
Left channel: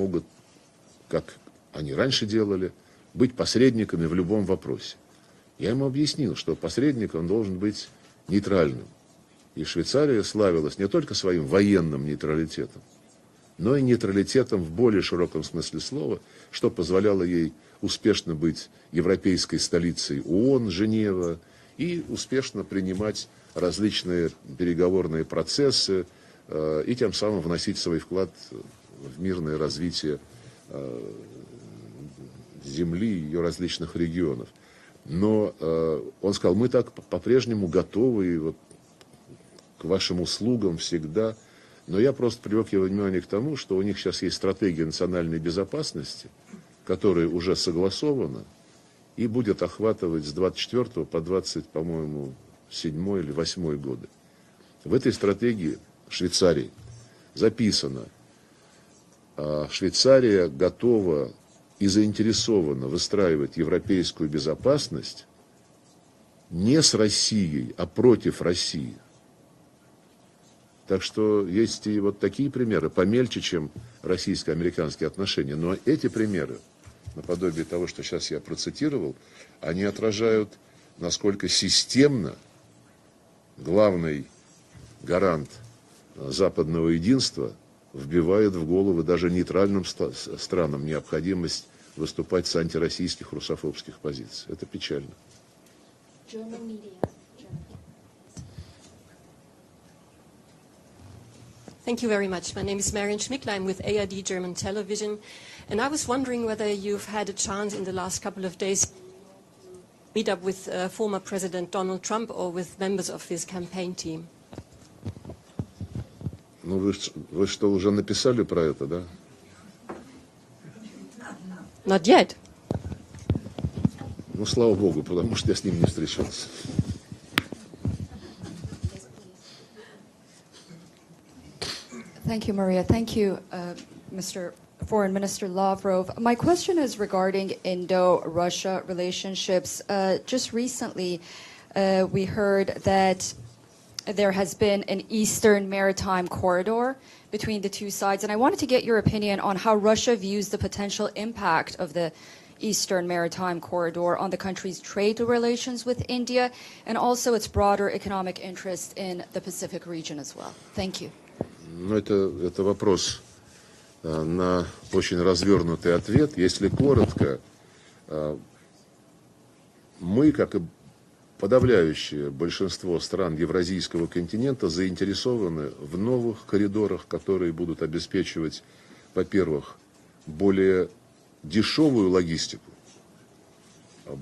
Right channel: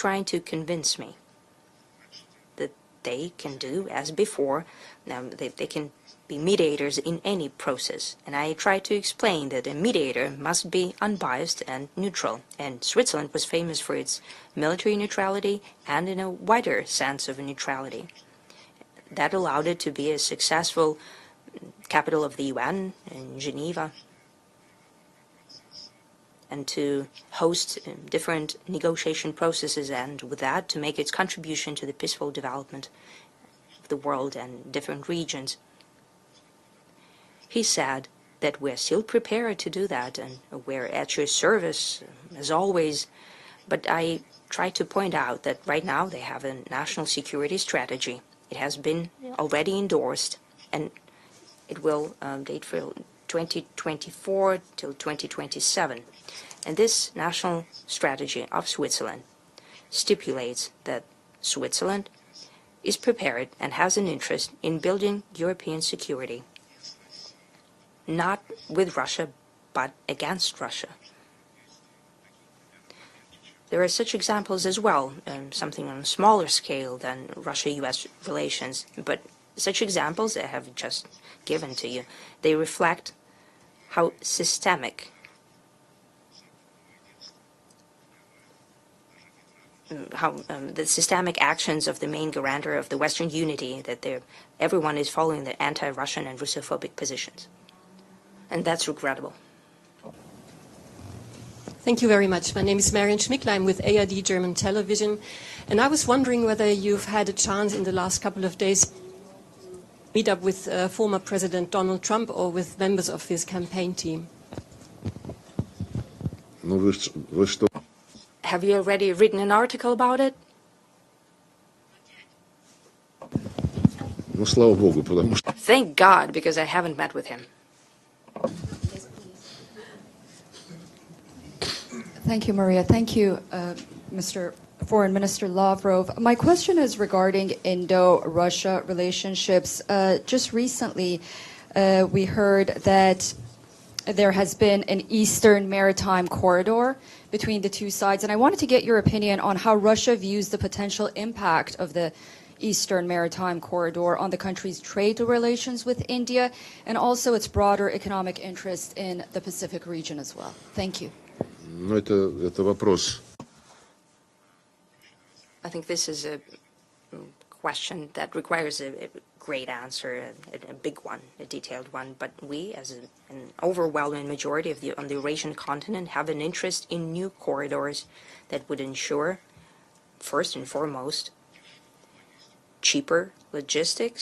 как они раньше делали, быть посредниками в любом вопросе. Я ему объяснил, что посредником должен быть нейтральным. И Швейцария славилась не только своим военным нейтралитетом, но и нейтралитетом в более широком смысле слова, что позволяло ей успешно быть европейской столицей ООН, Женева, и успешно принимать различные переговорные процессы, и тем самым вносить свой вклад в мирное развитие Земли и ее различных регионов. Но он сказал, мы так по-прежнему готовы к вашим услугам всегда. Но я просто привлек внимание к тому, что у них сейчас есть стратегия национальной безопасности, которая уже согласована и будет охватывать с 24 по 20, по-моему, 7 или 8 год. В этой стратегии Швейцария записано, Швейцария готова и заинтересована выстраивать европейскую безопасность не с Россией, а против России. Так что есть и вот такие примеры, помельче, чем российско-американские отношения. Но эти примеры, наподобие того, что сейчас я процитировал, они отражают, насколько системно главный гарант западного единства вбивает в головы даже нейтральным странам необходимость выступать с антироссийских позиций. Thank you very much. My name is Marian Schmickler. I'm with ARD German Television. And I was wondering whether you've had a chance in the last couple of days to meet up with former President Donald Trump or with members of his campaign team. Ну, вы что, уже написали про это? Have you already written an article about it? Not yet. Ну, слава Богу, потому что... Thank God, because I haven't met with him. Thank you, Maria. Thank you, Mr. Foreign Minister Lavrov. My question is regarding Indo-Russia relationships. Just recently, we heard that there has been an Eastern maritime corridor between the two sides, and I wanted to get your opinion on how Russia views the potential impact of the Eastern Maritime Corridor on the country's trade relations with India, and also its broader economic interest in the Pacific region as well. Thank you. Ну, это вопрос на очень развернутый ответ. Если коротко, мы, как и подавляющее большинство стран Евразийского континента, заинтересованы в новых коридорах, которые будут обеспечивать, во-первых, более дешевую логистику,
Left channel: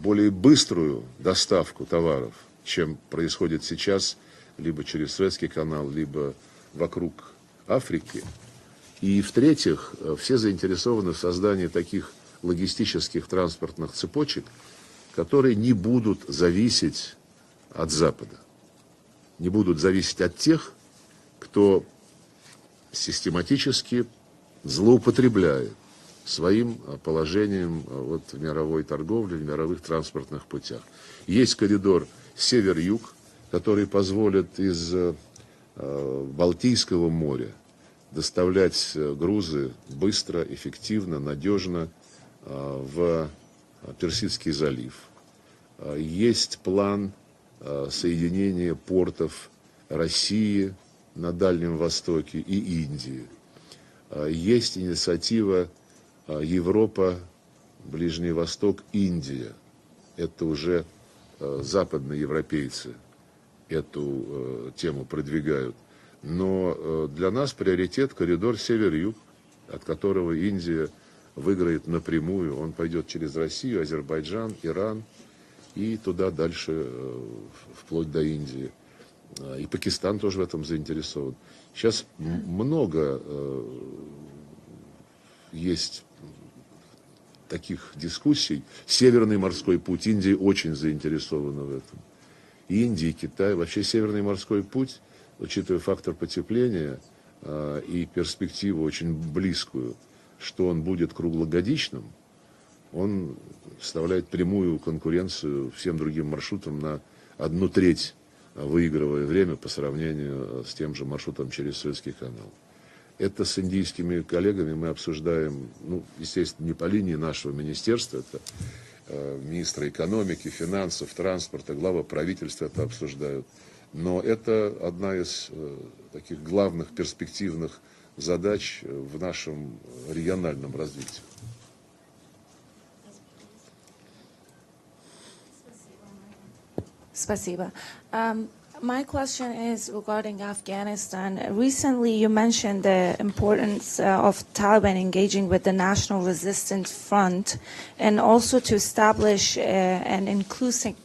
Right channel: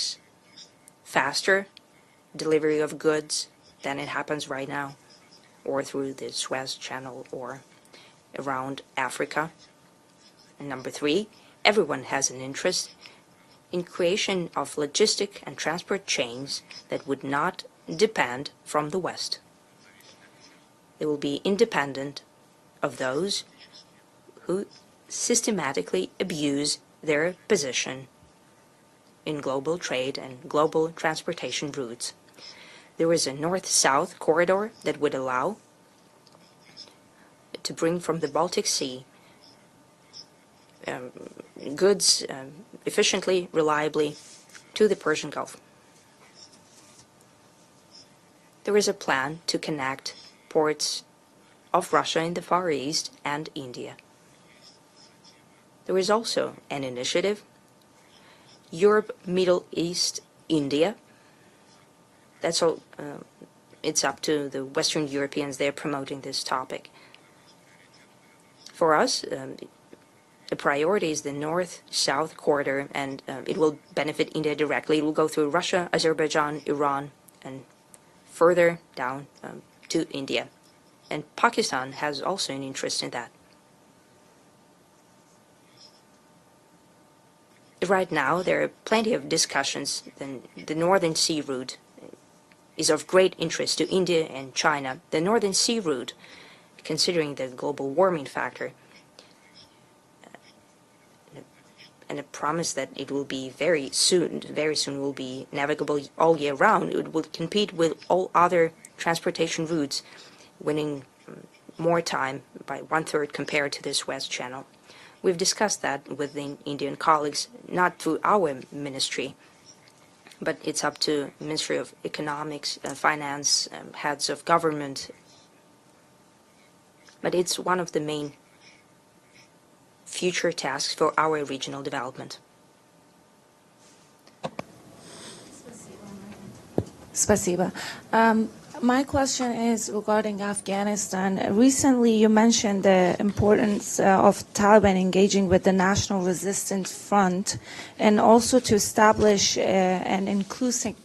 более быструю доставку товаров, чем происходит сейчас, либо через Суэцкий канал, либо вокруг Африки. И, в-третьих, все заинтересованы в создании таких логистических транспортных цепочек, которые не будут зависеть от Запада, не будут зависеть от тех, кто систематически злоупотребляют своим положением вот, в мировой торговле, в мировых транспортных путях. Есть коридор север-юг, который позволит из Балтийского моря доставлять грузы быстро, эффективно, надежно в Персидский залив. Есть план соединения портов России на Дальнем Востоке и Индии. Есть инициатива Европа, Ближний Восток, Индия. Это уже западные европейцы эту тему продвигают. Но для нас приоритет коридор север-юг, от которого Индия выиграет напрямую, он пойдет через Россию, Азербайджан, Иран, и туда дальше, вплоть до Индии. И Пакистан тоже в этом заинтересован. Сейчас много есть таких дискуссий. Северный морской путь Индии очень заинтересован в этом. is of great interest to India and China. The Northern Sea route, considering the global warming factor, and a promise that it will be very soon will be navigable all year round. It will compete with all other transportation routes, winning more time by 1/3 compared to this West Channel. We've discussed that with the Indian colleagues, not through our ministry, but it's up to Ministry of Economics, Finance, heads of government. But it's one of the main future tasks for our regional development. Спасибо. My question is regarding Afghanistan. Recently, you mentioned the importance of Taliban engaging with the National Resistance Front and also to establish an inclusive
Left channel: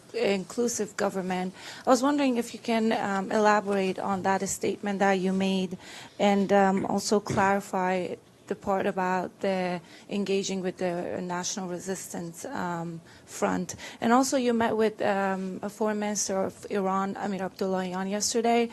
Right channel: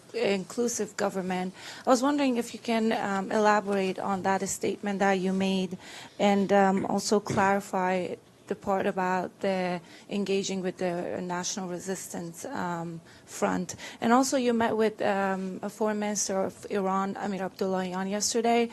government. I was wondering if you can elaborate on that statement that you made and also clarify the part about the engaging with the National Resistance Front. And also you met with a Foreign Minister of Iran, Amir Abdullahian, yesterday.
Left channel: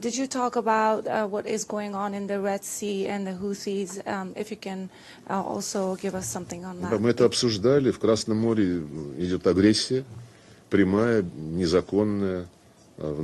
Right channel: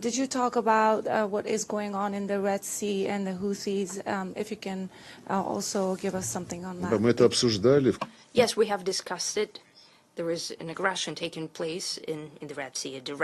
Did you talk about what is going on in the Red Sea and the Houthis? If you can also give us something on that. Мы это обсуждали. В Красном Yes, we море have discussed идет it. агрессия, There is an прямая, aggression taking place незаконная, in the Red Sea, a в direct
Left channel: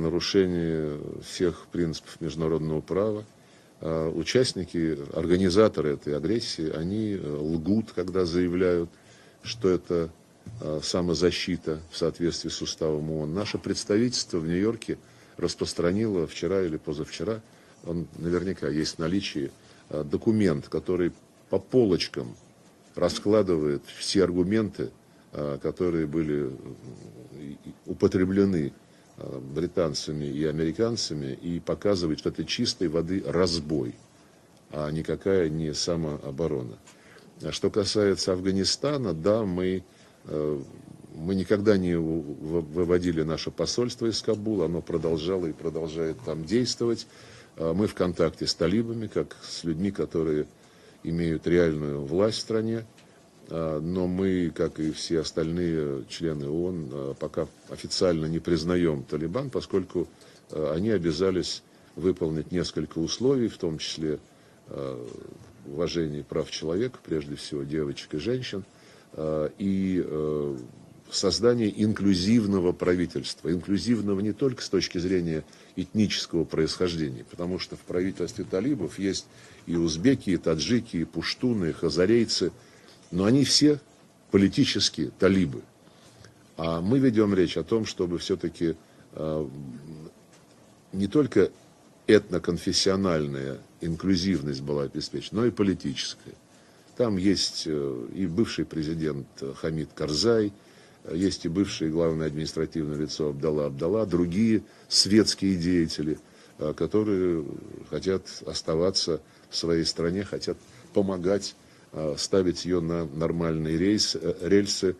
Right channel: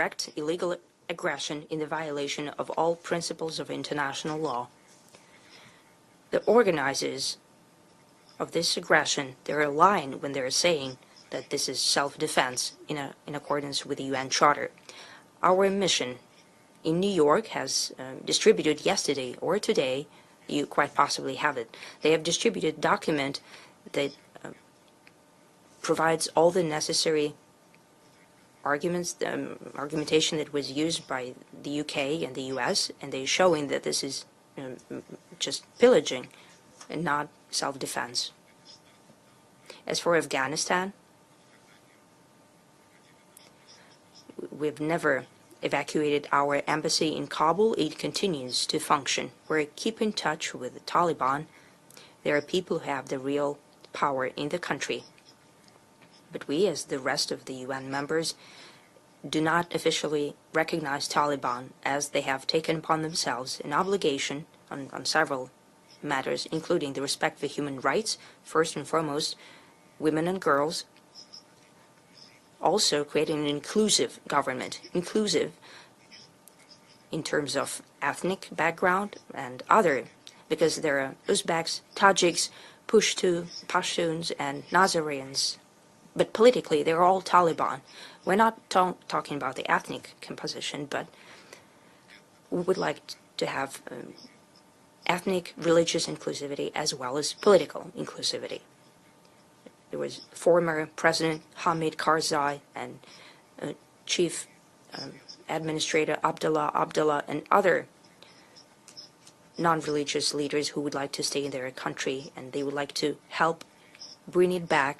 legal нарушение aggression всех in the принципов violation of международного all права. principles of international law. Участники, организаторы этой агрессии, они organizers лгут, когда Of this заявляют, aggression, что they're lying when это they're saying that самозащита this в is соответствии с self-defense уставом ООН. in Наше accordance with the UN представительство в Charter. Нью-Йорке Our распространило mission вчера или in New позавчера, York has наверняка distributed есть yesterday or today, наличие, документ, you quite который possibly have по it. They have полочкам distributed document раскладывает that все аргументы, которые provides all the были necessary употреблены arguments, британцами argumentation и that was used by американцами, и the UK показывает, and как the и US, чистой and воды they showing that разбой, this is а никакая just не pillaging самооборона. and not Что self-defense. касается Афганистана, да, мы никогда не выводили наше посольство из Кабула, оно продолжало и продолжает там действовать. Мы в контакте с талибами, как с людьми, которые имеют реальную власть в стране, но мы, как и все остальные члены ООН, пока официально не признаем талибан, поскольку они обязались выполнить несколько условий, в том числе on several matters, including the respect for human rights, first and foremost, women and girls, создание инклюзивного also правительства, creating an инклюзивного inclusive не только с government, точки зрения inclusive этнического происхождения, in потому terms что of в правительстве ethnic талибов background есть and и other, узбеки, и because таджики, there и are пуштуны, и Uzbeks, хазарейцы, Tajiks, но они Pashtuns, все Pashtuns, and политические Nazareans. талибы. But politically, Мы they're all ведем речь о том, Taliban. чтобы We're not все-таки talking about the ethnic composition, but не только этноконфессиональная инклюзивность была обеспечена, но и ethnic, religious политическая. inclusivity as Там well as есть political и inclusivity. бывший президент Хамид There was Карзай, former President есть и бывшее Hamid главное Karzai административное and лицо Абдалла, Chief другие светские Administrator деятели, Abdullah которые and other хотят оставаться в своей стране, non-religious leaders who хотят would like to stay in помогать their country. ставить They ее would like to на help нормальные bring it рельсы. back,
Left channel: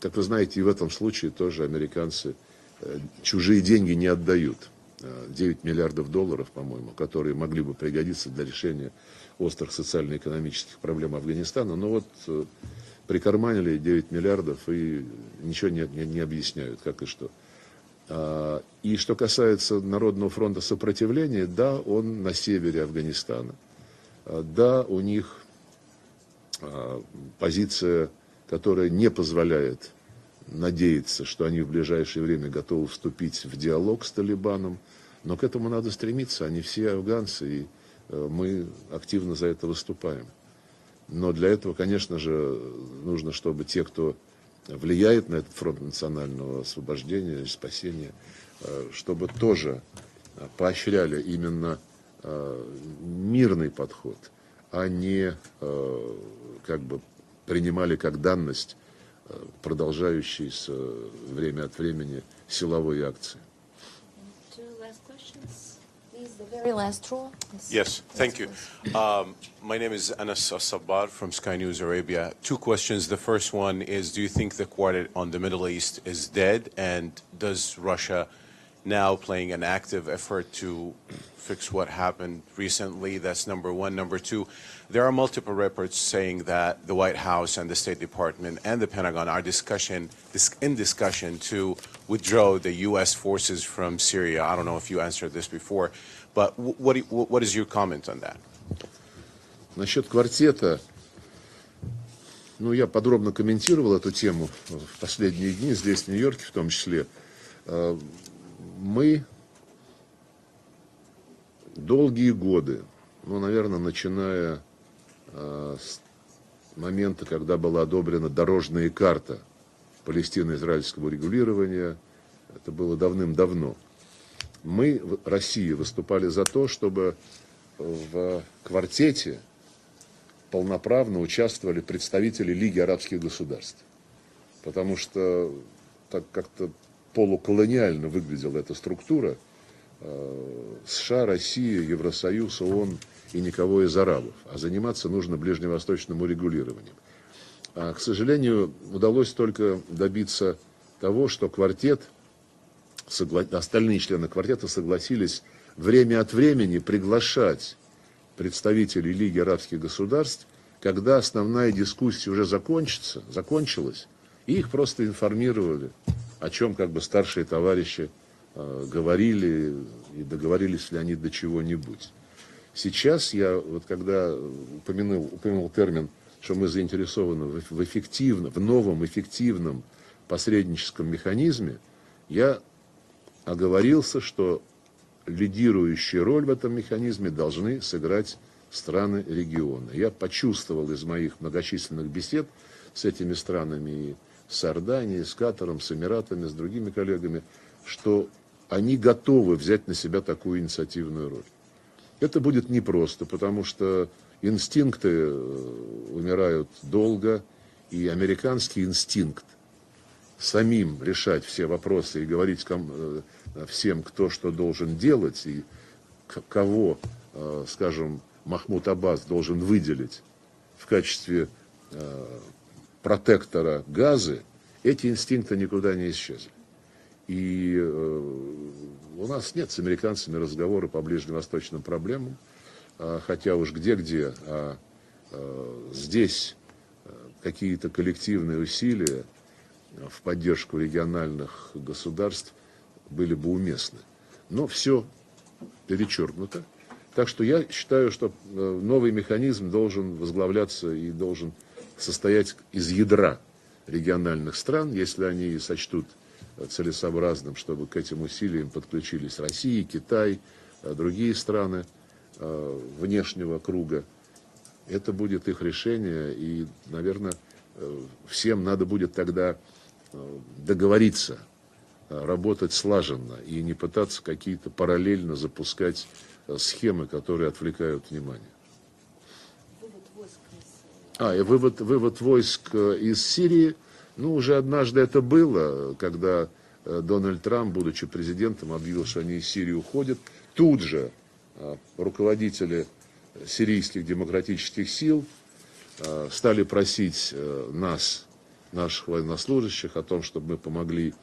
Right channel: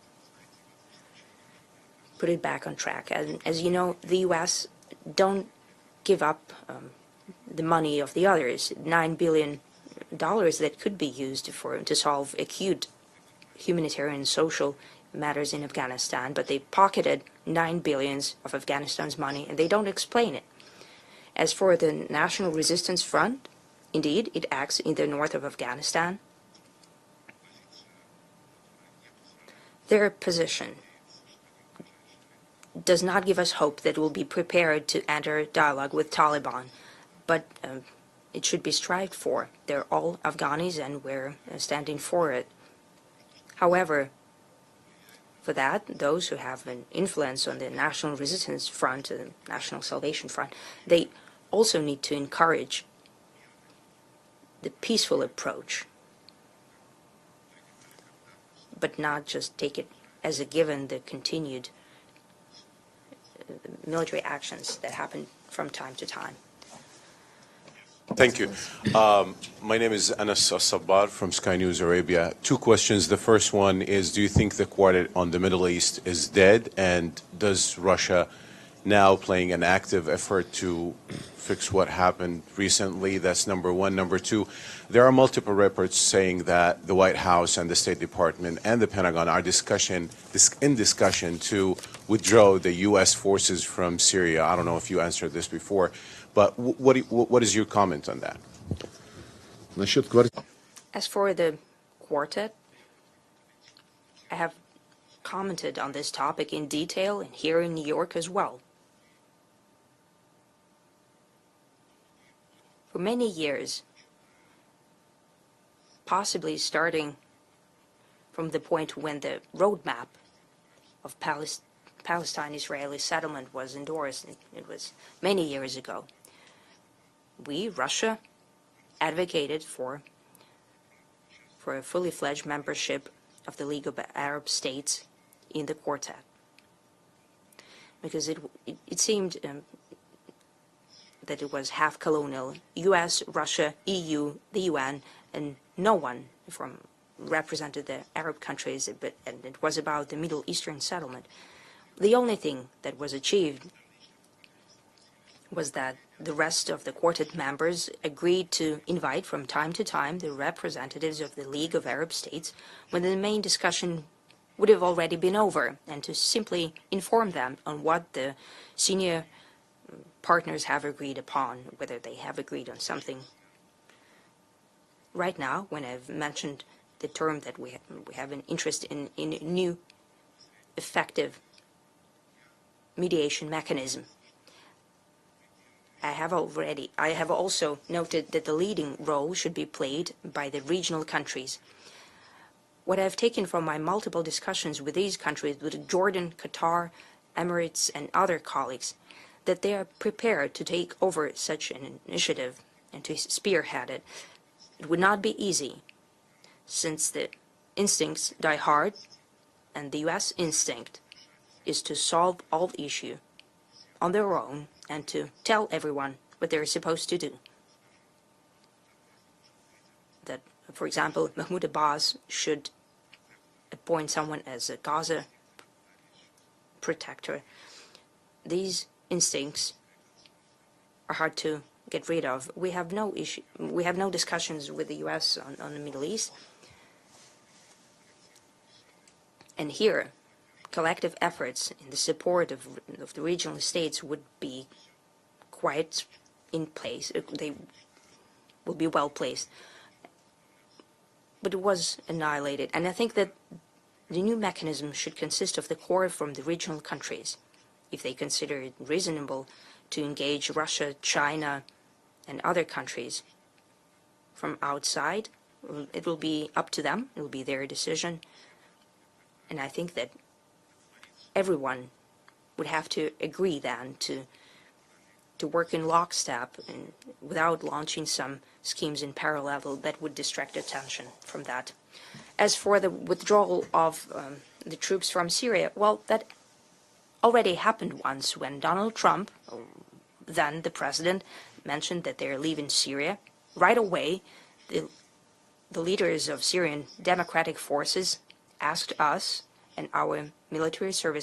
Как вы знаете, и в этом случае тоже put американцы it back on track. As чужие you know, деньги не the отдают. US don't 9 миллиардов give долларов, up по-моему, которые могли the бы money of the пригодиться для others, решения $9 billion острых социальных that could be проблем used Афганистана. to solve acute Прикарманили 9 humanitarian and миллиардов social и matters in ничего не Afghanistan, but they объясняют. pocketed $9 billion of И Afghanistan's что money. They касается don't Народного explain it. фронта сопротивления, As да, for the он на National севере Resistance Front, Афганистана. indeed, it Да, acts in у the них north of Afghanistan. Позиция, которая не позволяет Their position надеяться, что они в ближайшее время готовы does not give вступить us в hope that диалог we'll с be Талибаном. prepared to Но enter к этому надо dialogue with стремиться, они Taliban. все афганцы, But и it мы should be strived активно for. за это They're all выступаем. Afghanis, and Но we're для этого, standing конечно for it. же, нужно, чтобы те, However, кто влияет на for этот that, фронт those who национального have an освобождения influence и on the National спасения, Resistance Front, чтобы the тоже National Salvation Front, поощряли they именно also need to encourage мирный подход, the а peaceful не approach, как бы принимали как данность but not just take it as a продолжающиеся given the время continued от времени силовые акции. military actions that happen from time to time. The very last row. Yes, thank you. My name is Anas Sabbar from Sky News Arabia. Two questions. The first one is, do you think the quartet on the Middle East is dead? And does Russia now playing an active effort to fix what happened recently? That's number one. Number two, there are multiple reports saying that the White House and the State Department and the Pentagon are in discussion to withdraw the U.S. forces from Syria. I don't know if you answered this before, but what is your comment on that? Насчет квартета, As for the quartet, ну, я подробно комментировал эту тему в последние дни здесь, в Нью-Йорке, в том числе. Мы долгие годы, ну, наверное, начиная с момента, когда была одобрена дорожная карта палестино-израильского регулирования, это было давным-давно. Мы в России выступали за то, чтобы в квартете полноправно участвовали представители Лиги арабских государств, потому что так как-то полуколониально выглядела эта структура. США, Россия, Евросоюз, ООН и никого из арабов. А заниматься нужно ближневосточному регулированию. К сожалению, удалось только добиться того, что квартет, остальные члены квартета согласились время от времени приглашать представителей Лиги арабских государств, когда основная дискуссия уже закончилась, и их просто информировали, о чем как бы старшие товарищи говорили и договорились ли они до чего-нибудь. Сейчас я, вот когда упомянул термин, что мы заинтересованы в эффективном, в новом эффективном посредническом механизме, я оговорился, что лидирующую роль в этом механизме должны сыграть страны региона. Я почувствовал из моих многочисленных бесед с этими странами, с Иорданией, с Катаром, с Эмиратами, с другими коллегами, что они готовы взять на себя такую инициативную роль. Это будет непросто, потому что инстинкты умирают долго, и американский инстинкт самим решать все вопросы и говорить всем, кто что должен делать, кого, скажем, Махмуд Аббас должен выделить в качестве протектора Газы, эти инстинкты никуда не исчезли. И у нас нет с американцами разговора по ближневосточным проблемам, хотя уж где-где, здесь какие-то коллективные усилия в поддержку региональных государств были бы уместны. Но все перечеркнуто. Так что я считаю, что новый механизм должен возглавляться и должен состоять из ядра региональных стран, если они сочтут целесообразным, чтобы к этим усилиям подключились Россия, Китай, другие страны внешнего круга. Это будет их решение, и, наверное, всем надо будет тогда договориться, работать слаженно и не пытаться какие-то параллельно запускать схемы, которые отвлекают внимание. И вывод войск из Сирии, ну, уже однажды это было, когда Дональд Трамп, будучи президентом, объявил, что они из Сирии уходят. Тут же руководители сирийских демократических сил стали просить нас, наших военнослужащих, о том, чтобы мы помогли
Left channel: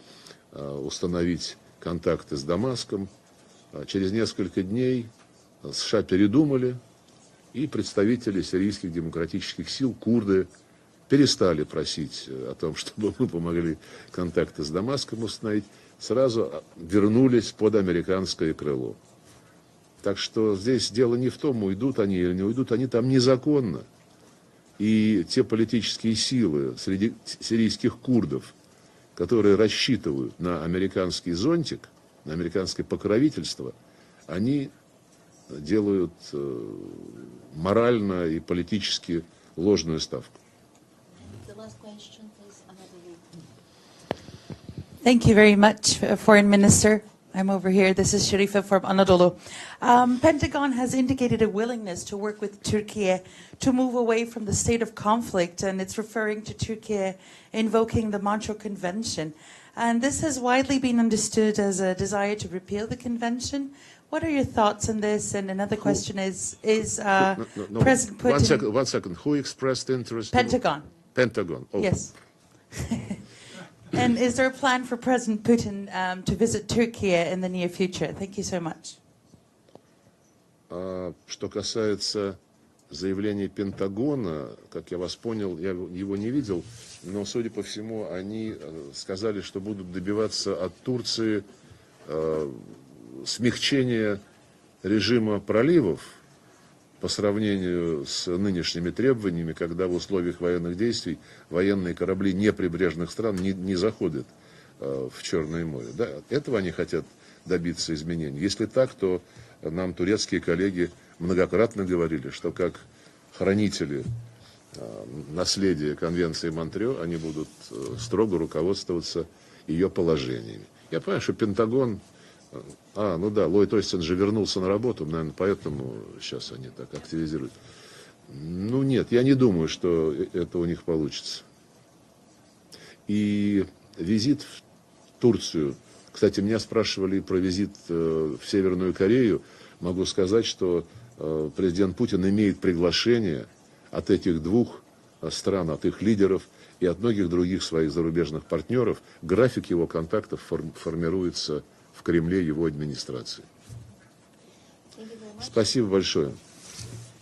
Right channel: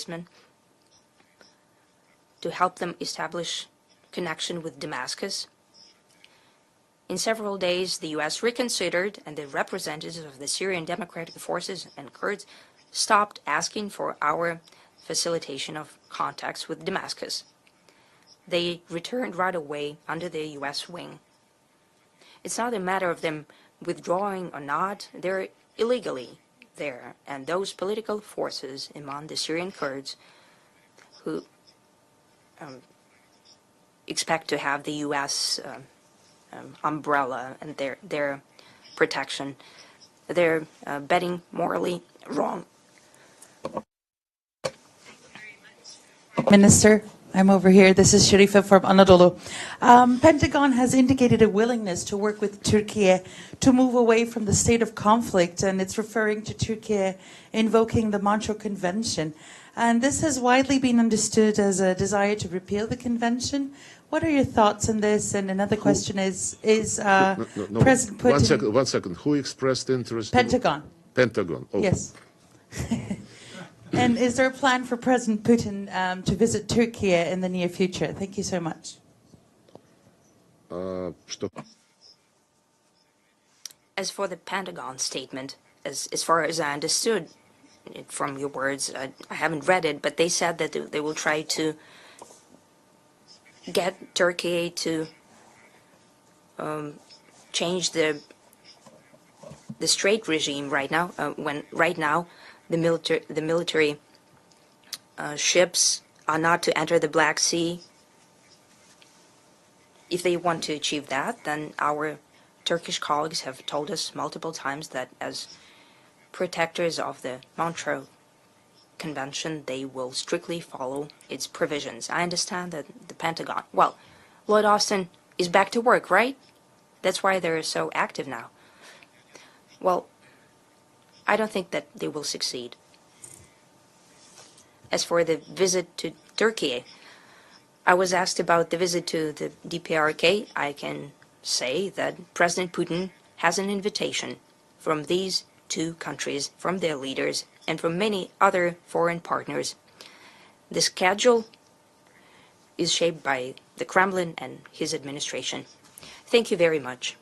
установить контакты с Дамаском. Через несколько дней США передумали, и представители сирийских демократических сил, курды, перестали просить о том, чтобы мы помогли контакты с Дамаском установить, сразу вернулись под американское крыло. Так что здесь дело не в том, уйдут они или не уйдут, они там незаконно. И те политические силы среди сирийских курдов, которые рассчитывают на американский зонтик, на американское покровительство, они делают морально и политически ложную ставку. Thank you very much, Foreign Minister. I'm over here. This is Sharifa from Anadolu. Pentagon has indicated a willingness to work with Turkey to move away from the state of conflict, and it's referring to Turkey invoking the Montreux Convention. And this has widely been understood as a desire to repeal the convention. What are your thoughts on this? And another question is President Putin... One second. Who expressed interest? Pentagon. Pentagon. Okay. Yes. And is there a plan for President Putin to visit Turkey in the near future? Thank you so much. Что касается заявления Пентагона, как я вас понял, я его не видел, но, судя по всему, они сказали, что будут добиваться от Турции смягчения режима проливов по сравнению с нынешними требованиями, когда в условиях военных действий военные корабли неприбрежных стран не заходят в Черное море. Этого они хотят добиться изменений. Если так, то нам турецкие коллеги многократно говорили, что как хранители наследия Конвенции Монтрео они будут строго руководствоваться ее положением. Я понимаю, что Пентагон... Ллойд Остин же вернулся на работу, наверное, поэтому сейчас они так активизируют. Ну нет, я не думаю, что это у них получится. И визит As for the visit to Turkey, I was asked about the visit to the DPRK. I can say that President Putin has an invitation from these two countries, from their leaders, and from many other foreign partners. The schedule is shaped by the Kremlin and his administration. Thank you very much.